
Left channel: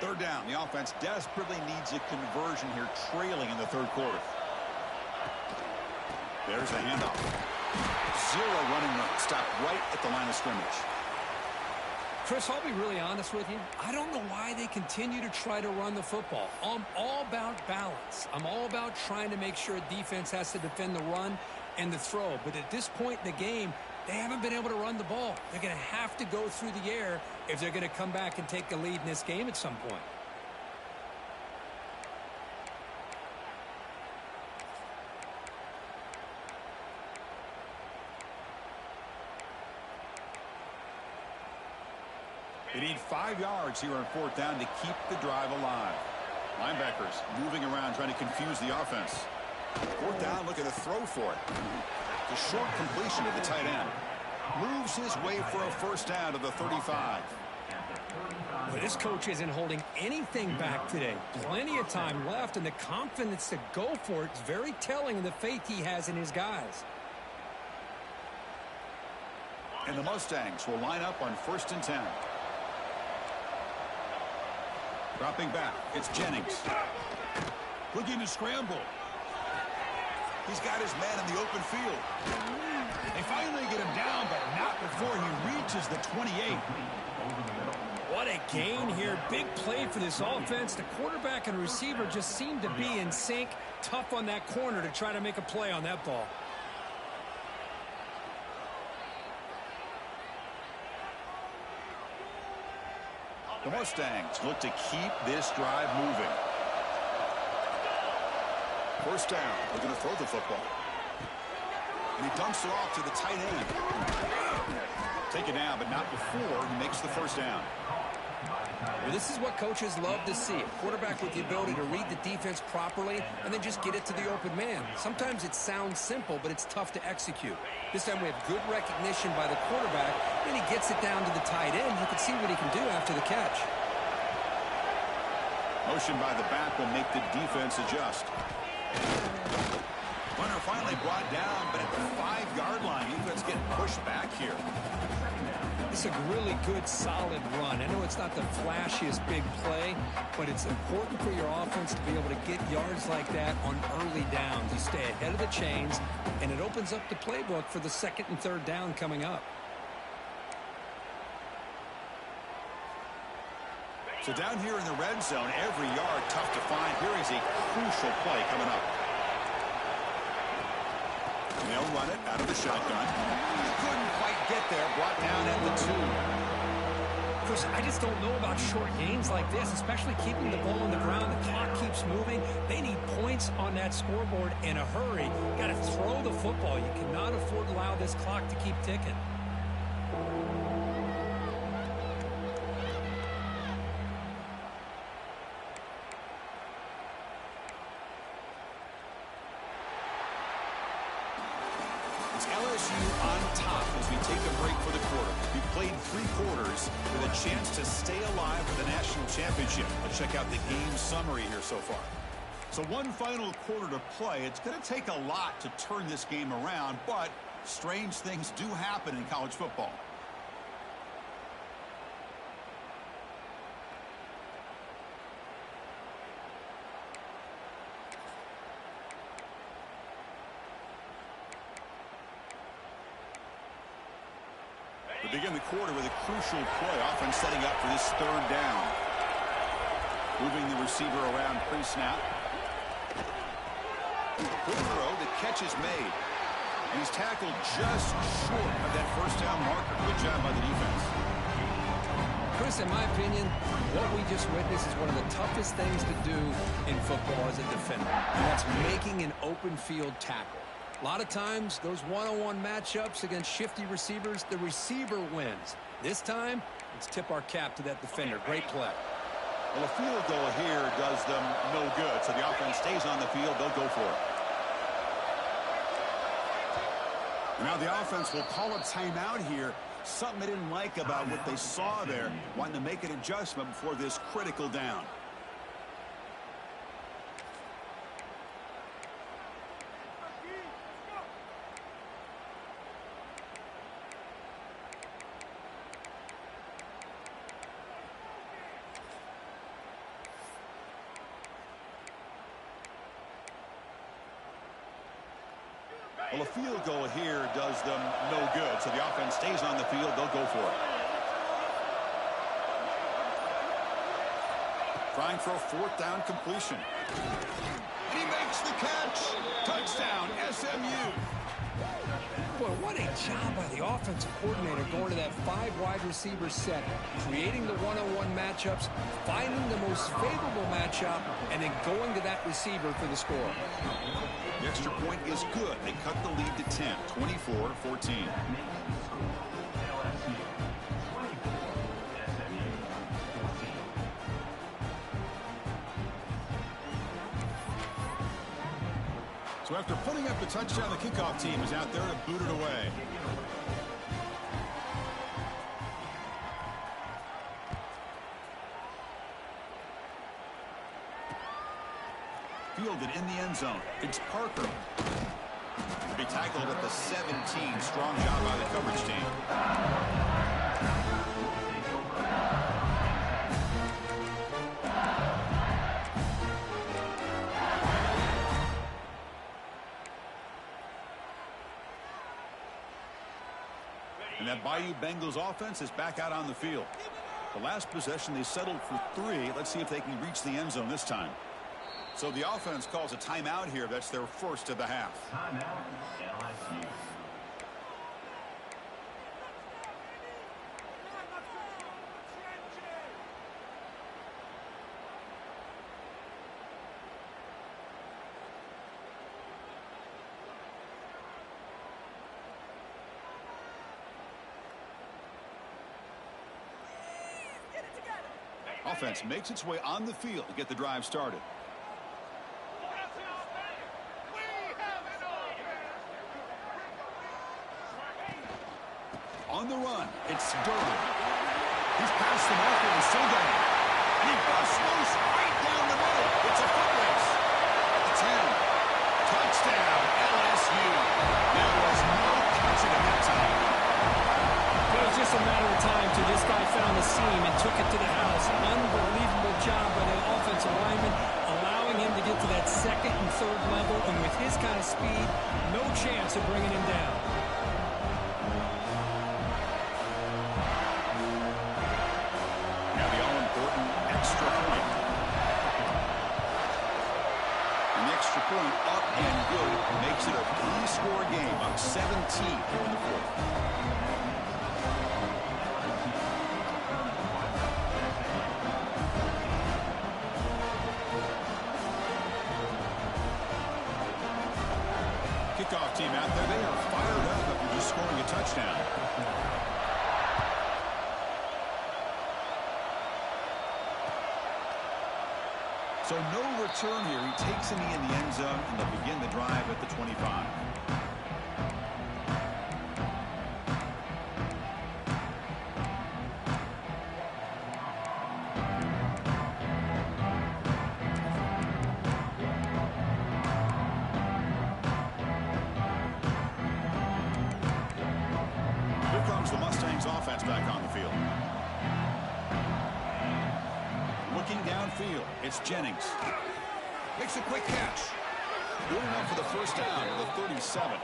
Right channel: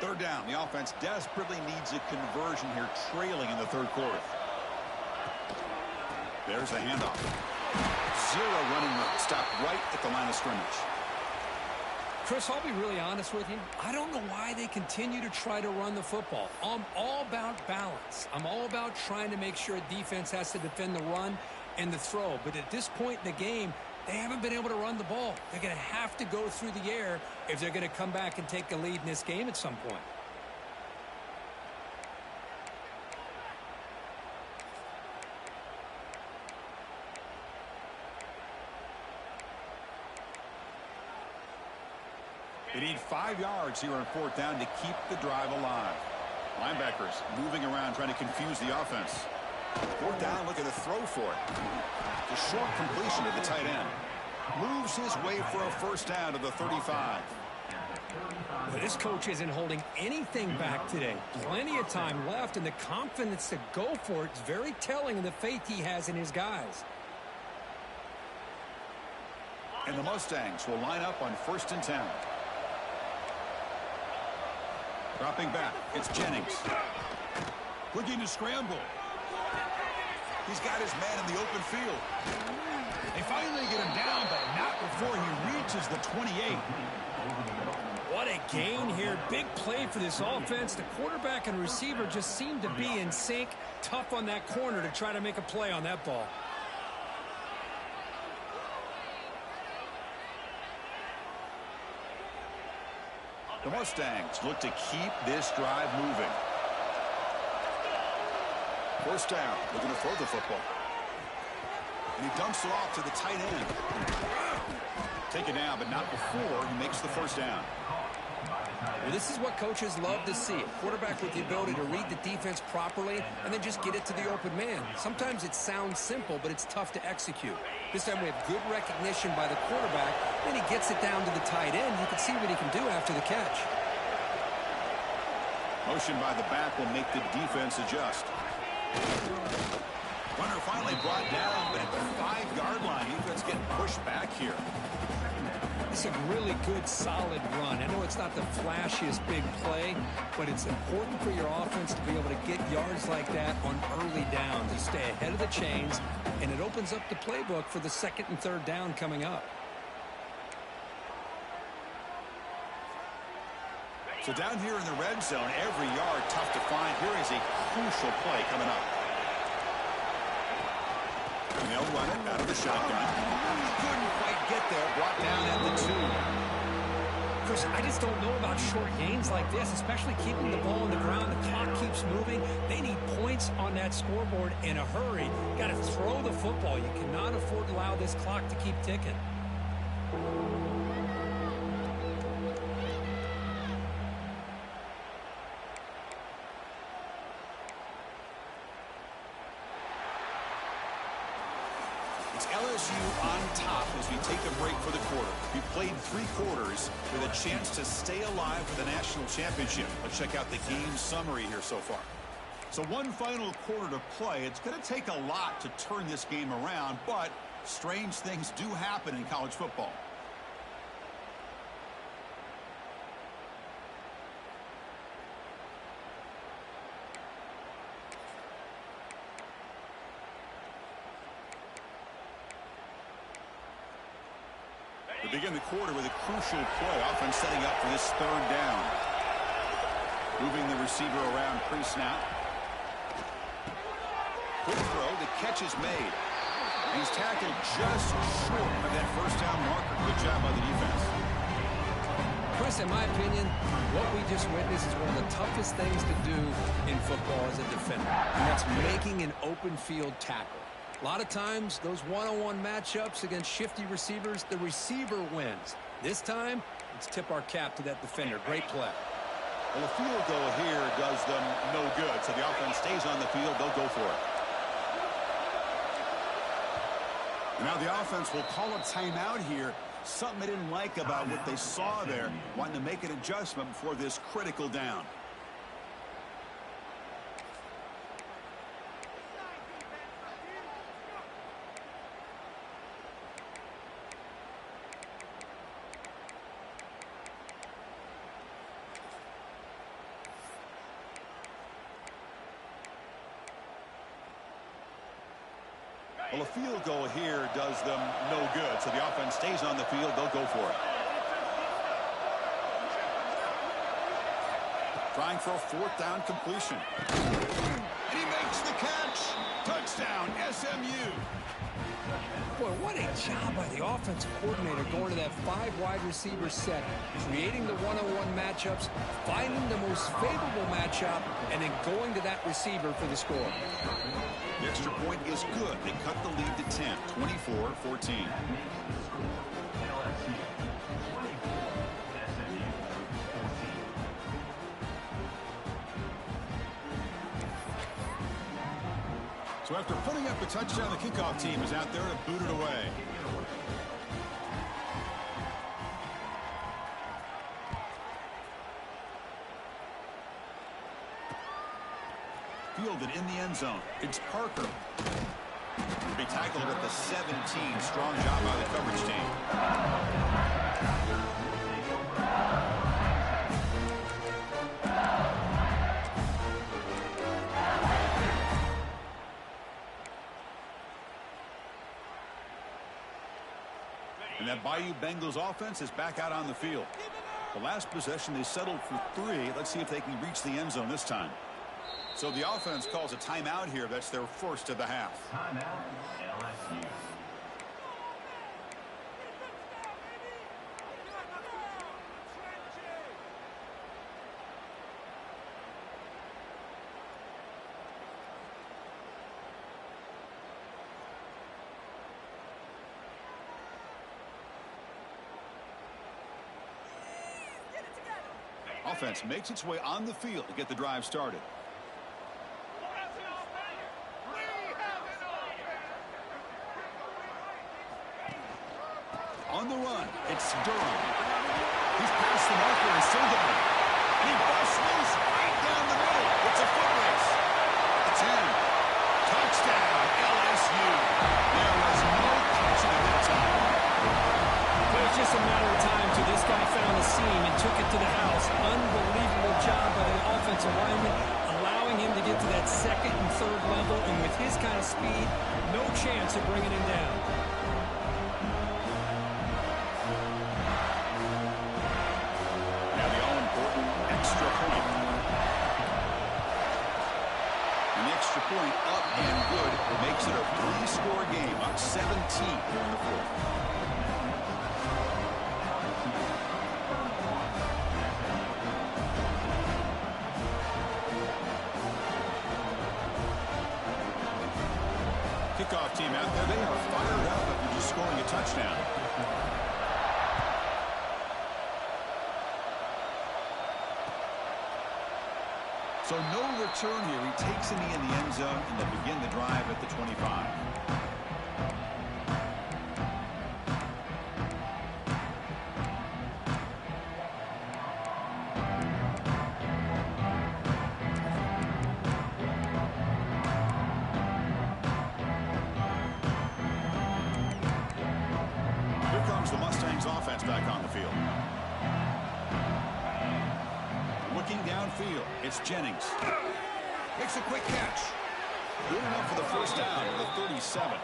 Third down. The offense desperately needs a conversion here, trailing in the third quarter. There's the handoff. Zero running room. Stopped right at the line of scrimmage. Chris, I'll be really honest with you. I don't know why they continue to try to run the football. I'm all about balance. I'm all about trying to make sure defense has to defend the run and the throw. But at this point in the game, they haven't been able to run the ball. They're going to have to go through the air if they're going to come back and take a lead in this game at some point. They need 5 yards here on fourth down to keep the drive alive. Linebackers moving around trying to confuse the offense. Fourth down, looking to throw for it. The short completion to the tight end. Moves his way for a first down to the 35. Well, this coach isn't holding anything back today. Plenty of time left, and the confidence to go for it is very telling of the faith he has in his guys. And the Mustangs will line up on 1st and 10. Dropping back, it's Jennings. Looking to scramble. He's got his man in the open field. They finally get him down, but not before he reaches the 28. What a gain here. Big play for this offense. The quarterback and receiver just seem to be in sync. Tough on that corner to try to make a play on that ball. The Mustangs look to keep this drive moving. First down, looking to throw the football. And he dumps it off to the tight end. Take it down, but not before he makes the first down. Well, this is what coaches love to see. A quarterback with the ability to read the defense properly and then just get it to the open man. Sometimes it sounds simple, but it's tough to execute. This time we have good recognition by the quarterback. Then he gets it down to the tight end. You can see what he can do after the catch. Motion by the back will make the defense adjust. Runner finally brought down, but at the 5-yard line, defense getting pushed back here. It's a really good, solid run. I know it's not the flashiest big play, but it's important for your offense to be able to get yards like that on early downs. You stay ahead of the chains, and it opens up the playbook for the 2nd and 3rd down coming up. So down here in the red zone, every yard tough to find. Here is a crucial play coming up. And they'll run it out of the shotgun. Couldn't quite get there. Brought down at the 2. Chris, I just don't know about short gains like this, especially keeping the ball on the ground. The clock keeps moving. They need points on that scoreboard in a hurry. Got to throw the football. You cannot afford to allow this clock to keep ticking. It's LSU on top as we take a break for the quarter. We played 3 quarters with a chance to stay alive for the national championship. Let's check out the game summary here so far. So one final quarter to play. It's going to take a lot to turn this game around, but strange things do happen in college football. We begin the quarter with a crucial play. Offense setting up for this 3rd down. Moving the receiver around pre-snap. Quick throw. The catch is made. And he's tackled just short of that first down marker. Good job by the defense. Chris, in my opinion, what we just witnessed is one of the toughest things to do in football as a defender. And that's making an open field tackle. A lot of times, those one-on-one matchups against shifty receivers, the receiver wins. This time, let's tip our cap to that defender. Great play. Well, a field goal here does them no good. So the offense stays on the field. They'll go for it. And now the offense will call a timeout here. Something they didn't like about what they saw there. Wanting to make an adjustment before this critical down. Well, a field goal here does them no good. So the offense stays on the field. They'll go for it. Trying for a 4th down completion. And he makes the catch. Touchdown, SMU. Boy, what a job by the offensive coordinator going to that 5 wide receiver set, creating the one-on-one matchups, finding the most favorable matchup, and then going to that receiver for the score. The extra point is good. They cut the lead to 10, 24-14. So after putting up the touchdown, the kickoff team is out there to boot it away. Fielded in the end zone. It's Parker. To be tackled at the 17. Strong job by the coverage team. And that Bayou Bengals offense is back out on the field. The last possession, they settled for 3. Let's see if they can reach the end zone this time. So the offense calls a timeout here. That's their first of the half. Timeout, LSU. Offense makes its way on the field to get the drive started. On the run, it's Durham. He's past the marker and still going. And he busts loose right down the middle. It's a foot race. At the 10. Touchdown, LSU. There was no catching him that time. It was just a matter of time till this guy found the seam and took it to the house. Unbelievable job by the offensive lineman, allowing him to get to that second and third level. And with his kind of speed, no chance of bringing him down. Now the all-important extra point. And the extra point up and good makes it a 3-score game, up 17 here in the fourth. Kickoff team out there, they are fired up after just scoring a touchdown. So no return here. He takes a knee in the end zone, and they'll begin the drive at the 25. Here comes the Mustangs offense back on the field. Looking downfield, it's Jennings. Makes a quick catch. Good enough for the first down to the 37.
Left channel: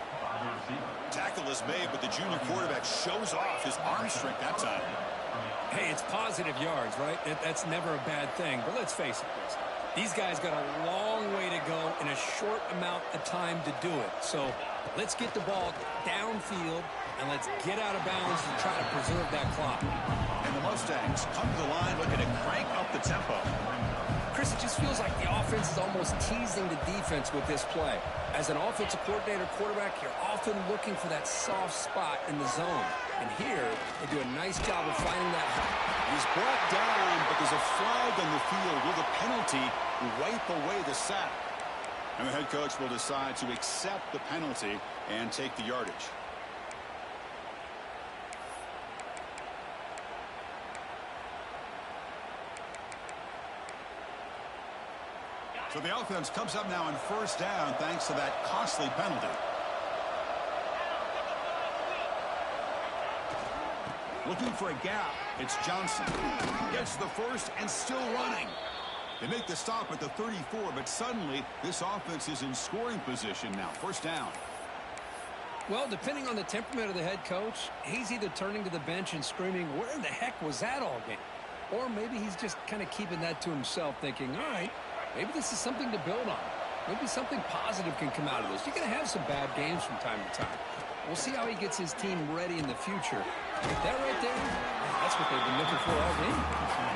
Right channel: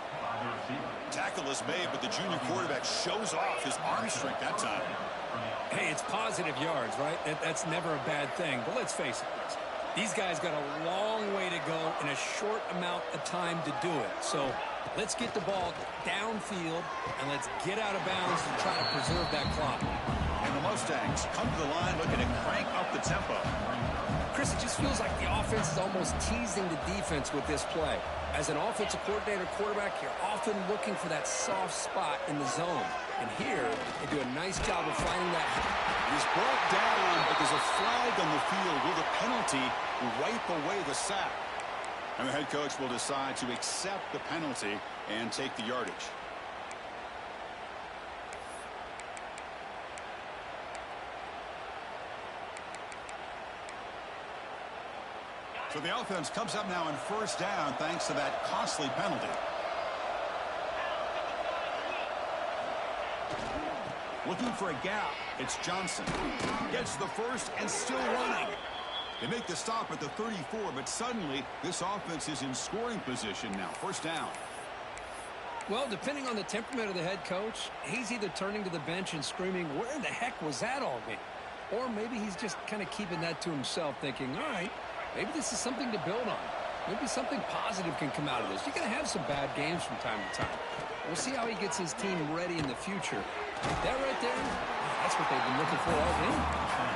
Tackle is made, but the junior quarterback shows off his arm strength that time. Hey, it's positive yards, right? That's never a bad thing. But let's face it, Chris. These guys got a long way to go in a short amount of time to do it. So let's get the ball downfield, and let's get out of bounds and try to preserve that clock. And the Mustangs come to the line looking to crank up the tempo. Chris, it just feels like the offense is almost teasing the defense with this play. As an offensive coordinator quarterback, you're often looking for that soft spot in the zone. And here, they do a nice job of finding that. He's brought down, but there's a flag on the field. Will the penalty wipe away the sack? And the head coach will decide to accept the penalty and take the yardage. So the offense comes up now in first down thanks to that costly penalty. Looking for a gap. It's Johnson. Gets the first and still running. They make the stop at the 34, but suddenly this offense is in scoring position now. First down. Well, depending on the temperament of the head coach, he's either turning to the bench and screaming, where in the heck was that all game? Or maybe he's just kind of keeping that to himself, thinking, all right, maybe this is something to build on. Maybe something positive can come out of this. You're going to have some bad games from time to time. We'll see how he gets his team ready in the future. That right there, that's what they've been looking for all game.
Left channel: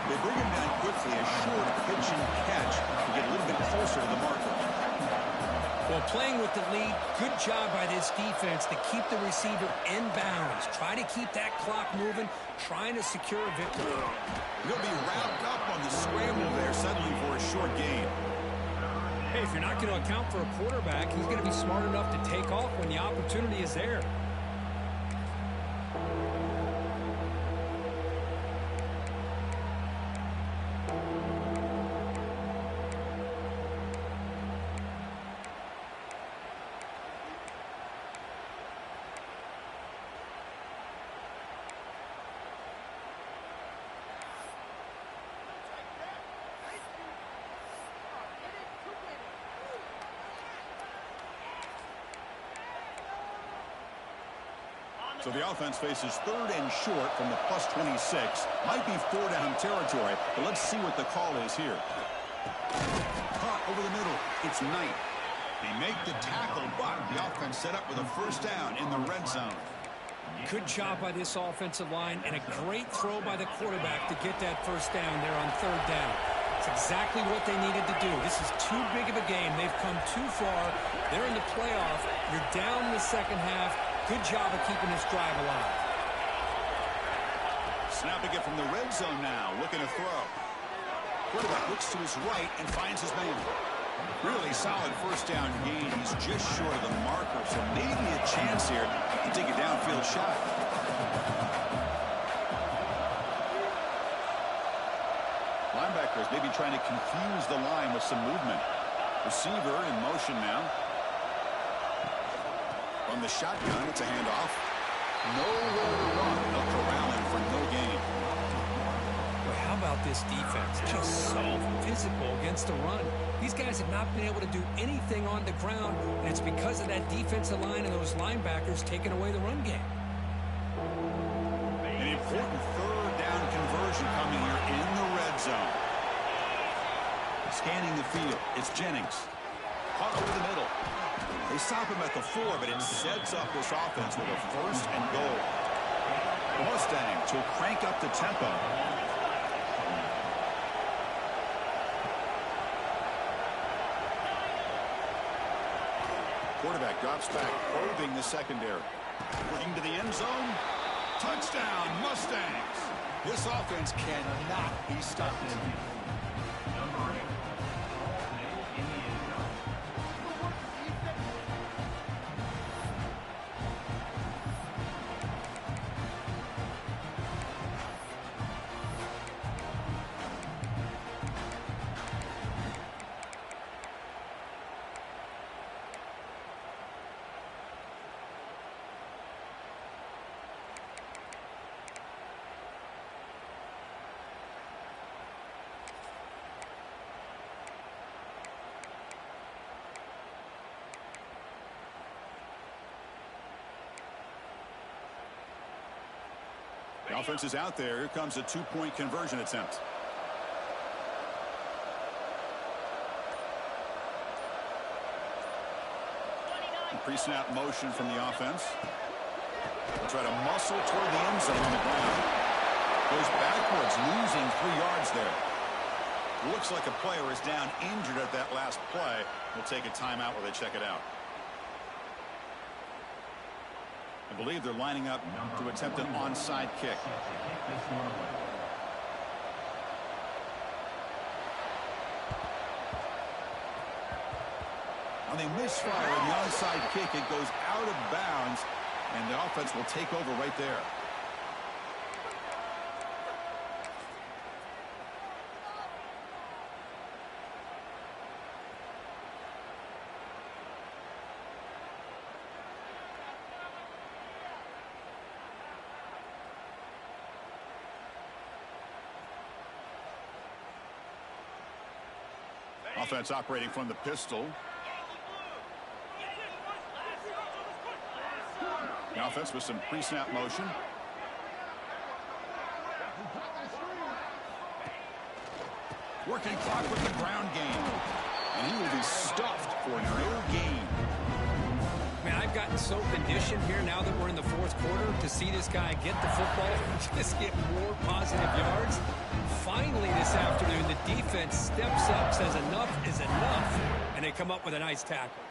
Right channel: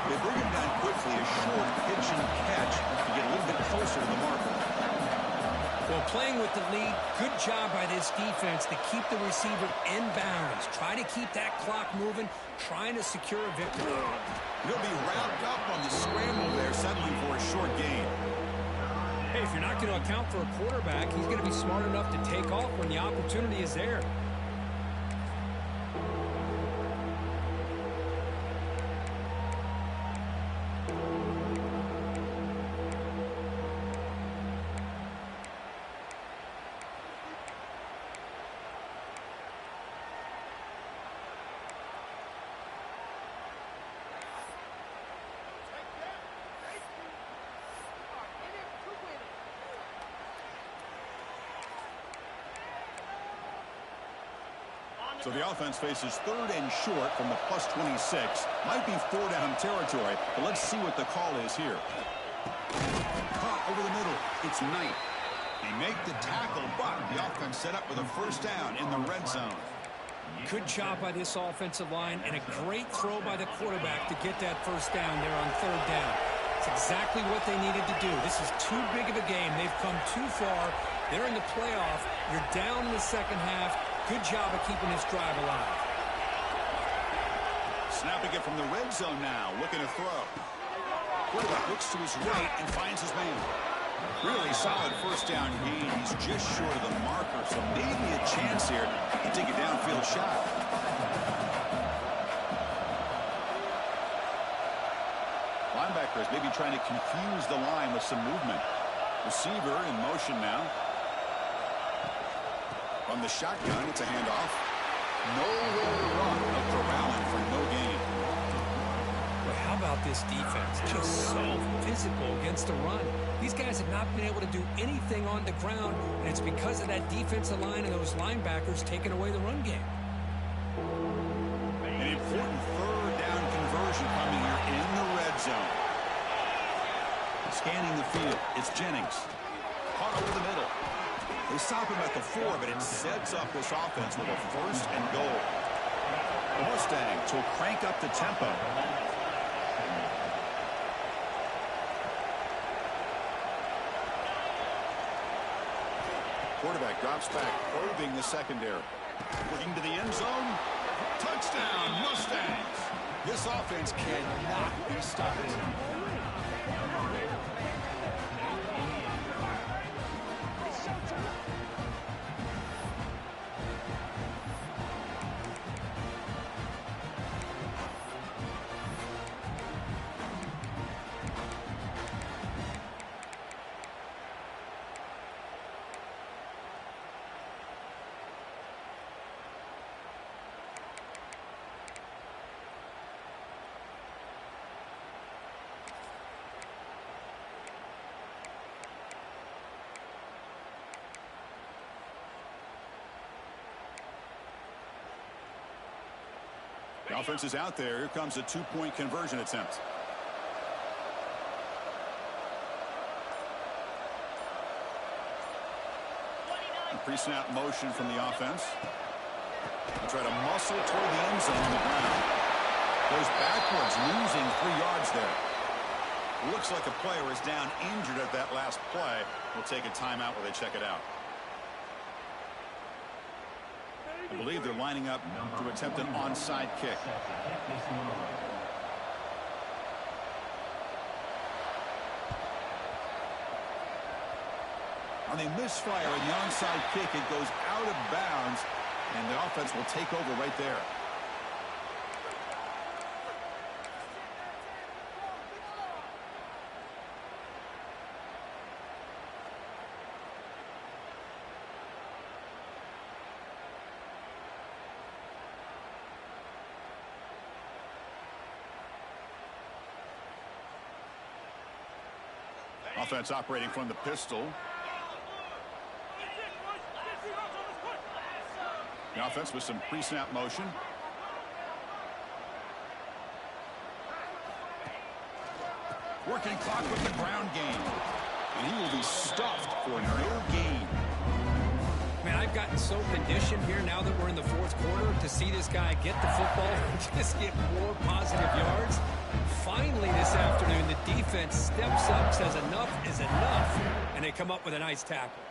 They bring him down quickly, a short pitch and catch to get a little bit closer to the marker. Well, playing with the lead, good job by this defense to keep the receiver in bounds. Try to keep that clock moving, trying to secure a victory. He'll be wrapped up on the scramble there, settling for a short gain. Hey, if you're not going to account for a quarterback, he's going to be smart enough to take off when the opportunity is there. So the offense faces 3rd and short from the +26. Might be 4-down territory, but let's see what the call is here. Caught over the middle. It's Knight. They make the tackle, but the offense set up with a 1st down in the red zone. Good job by this offensive line and a great throw by the quarterback to get that 1st down there on 3rd down. It's exactly what they needed to do. This is too big of a game. They've come too far. They're in the playoff. You're down in the second half. Good job of keeping this drive alive. Snapping it from the red zone now, looking to throw. Quarterback looks to his right and finds his man. Really solid 1st down gain. He's just short of the marker, so maybe a chance here to take a downfield shot. Linebackers maybe trying to confuse the line with some movement. Receiver in motion now. From the shotgun, it's a handoff. Nowhere to run. No corralling for no gain. Well, how about this defense? Just so physical against the run. These guys have not been able to do anything on the ground, and it's because of that defensive line and those linebackers taking away the run game. An important 3rd down conversion coming here in the red zone. Scanning the field, it's Jennings. Caught over the middle. They stop him at the 4, but it sets up this offense with a 1st and goal. The Mustangs will crank up the tempo. Quarterback drops back, probing the secondary. Looking to the end zone. Touchdown, Mustangs. This offense cannot be stopped. The offense is out there. Here comes a 2-point conversion attempt. Pre-snap motion from the offense. They'll try to muscle toward the end zone on the ground. Goes backwards, losing 3 yards there. Looks like a player is down injured at that last play. We'll take a timeout while they check it out. I believe they're lining up to attempt an onside kick. On a misfire in the onside kick, it goes out of bounds, and the offense will take over right there. Offense operating from the pistol. The offense with some pre-snap motion. Working clock with the ground game. And he will be stuffed for no gain. Man, I've gotten so conditioned here now that we're in the 4th quarter to see this guy get the football and just get more positive yards. Finally this afternoon, the defense steps up, says enough is enough, and they come up with a nice tackle.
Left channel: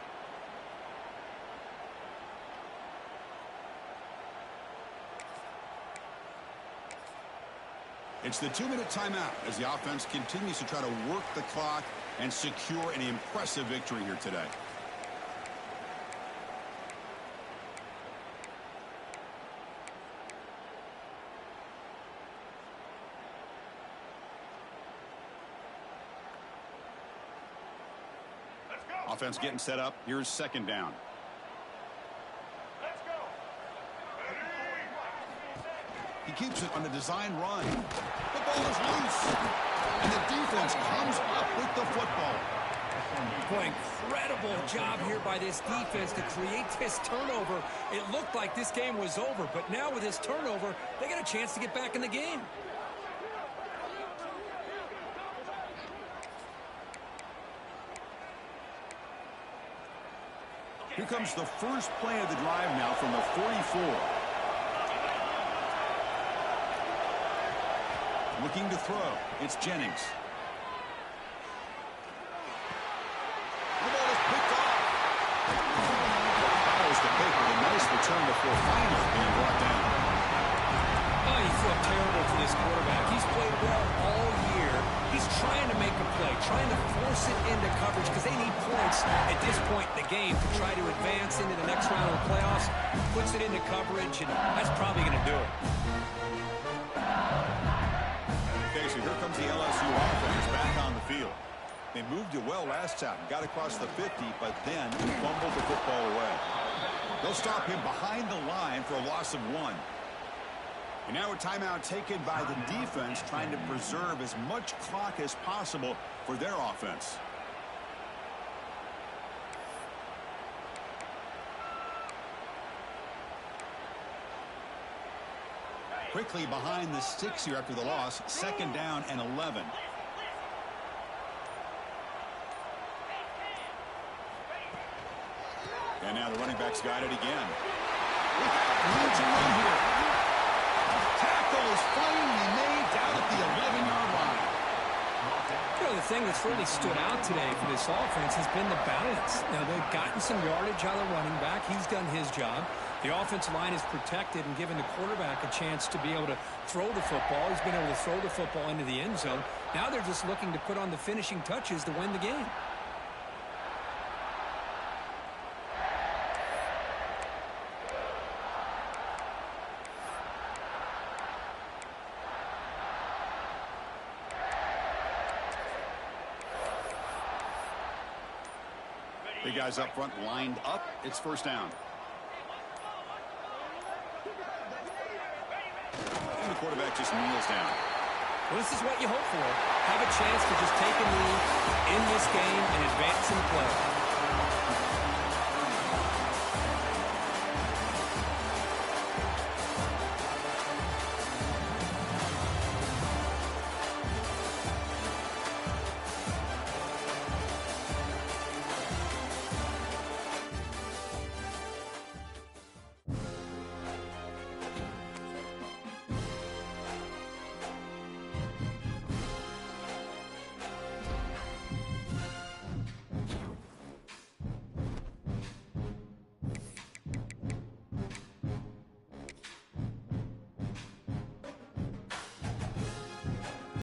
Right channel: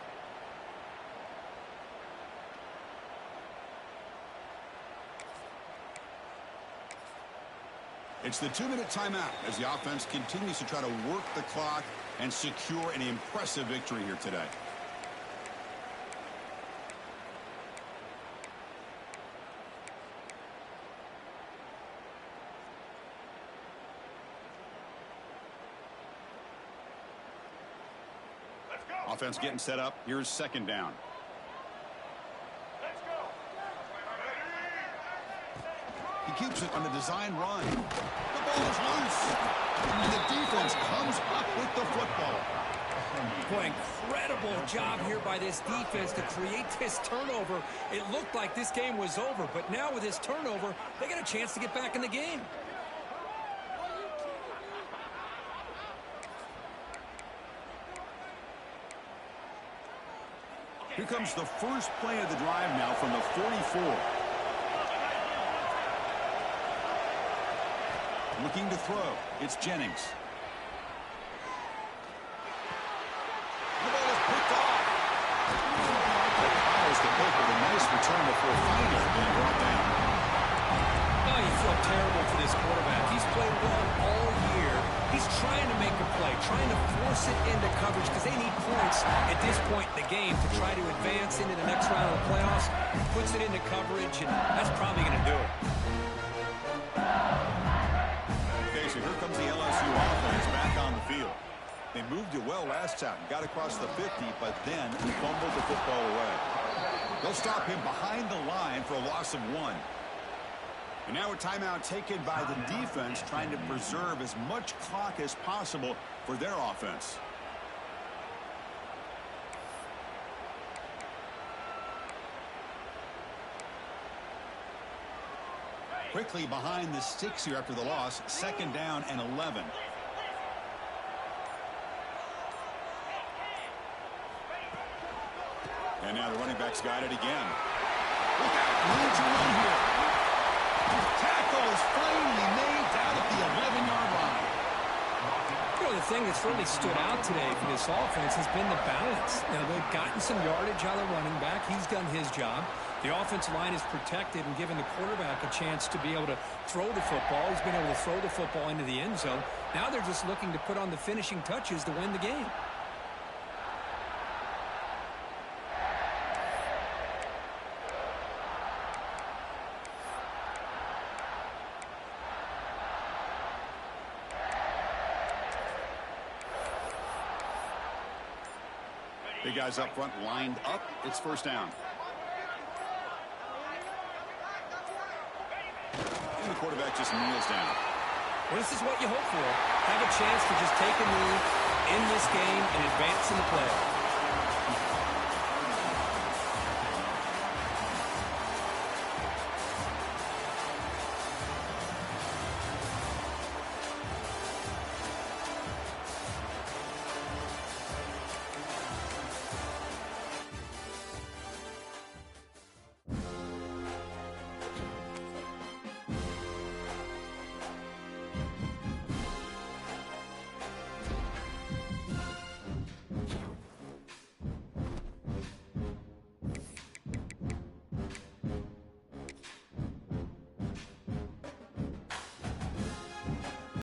It's the 2-minute timeout as the offense continues to try to work the clock and secure an impressive victory here today. Offense getting set up. Here's second down. Let's go. He keeps it on the design run. The ball is loose. And the defense comes up with the football. Boy, incredible job here by this defense to create this turnover. It looked like this game was over, but now with this turnover, they got a chance to get back in the game. Here comes the first play of the drive now from the 44. Looking to throw. It's Jennings. The ball is picked off. Follows the pick with a nice return before finally being brought down. Oh, you feel terrible for this quarterback. He's played well all year. He's trying to make a play, trying to force it into coverage because they need points at this point in the game to try to advance into the next round of the playoffs. Puts it into coverage, and that's probably going to do it. Okay, so here comes the LSU offense back on the field. They moved it well last time, got across the 50, but then fumbled the football away. They'll stop him behind the line for a loss of 1. And now a timeout taken by the defense, trying to preserve as much clock as possible for their offense. Quickly behind the sticks here after the loss, second down and 11. And now the running back's got it again. Without room to run here. Tackle is finally made down at the 11-yard line. You know, the thing that's really stood out today for this offense has been the balance. Now, they've gotten some yardage out of the running back. He's done his job. The offensive line is protected and given the quarterback a chance to be able to throw the football. He's been able to throw the football into the end zone. Now they're just looking to put on the finishing touches to win the game. Big guys up front lined up. It's first down. And the quarterback just kneels down. Well, this is what you hope for. Have a chance to just take a knee in this game and advance in the play.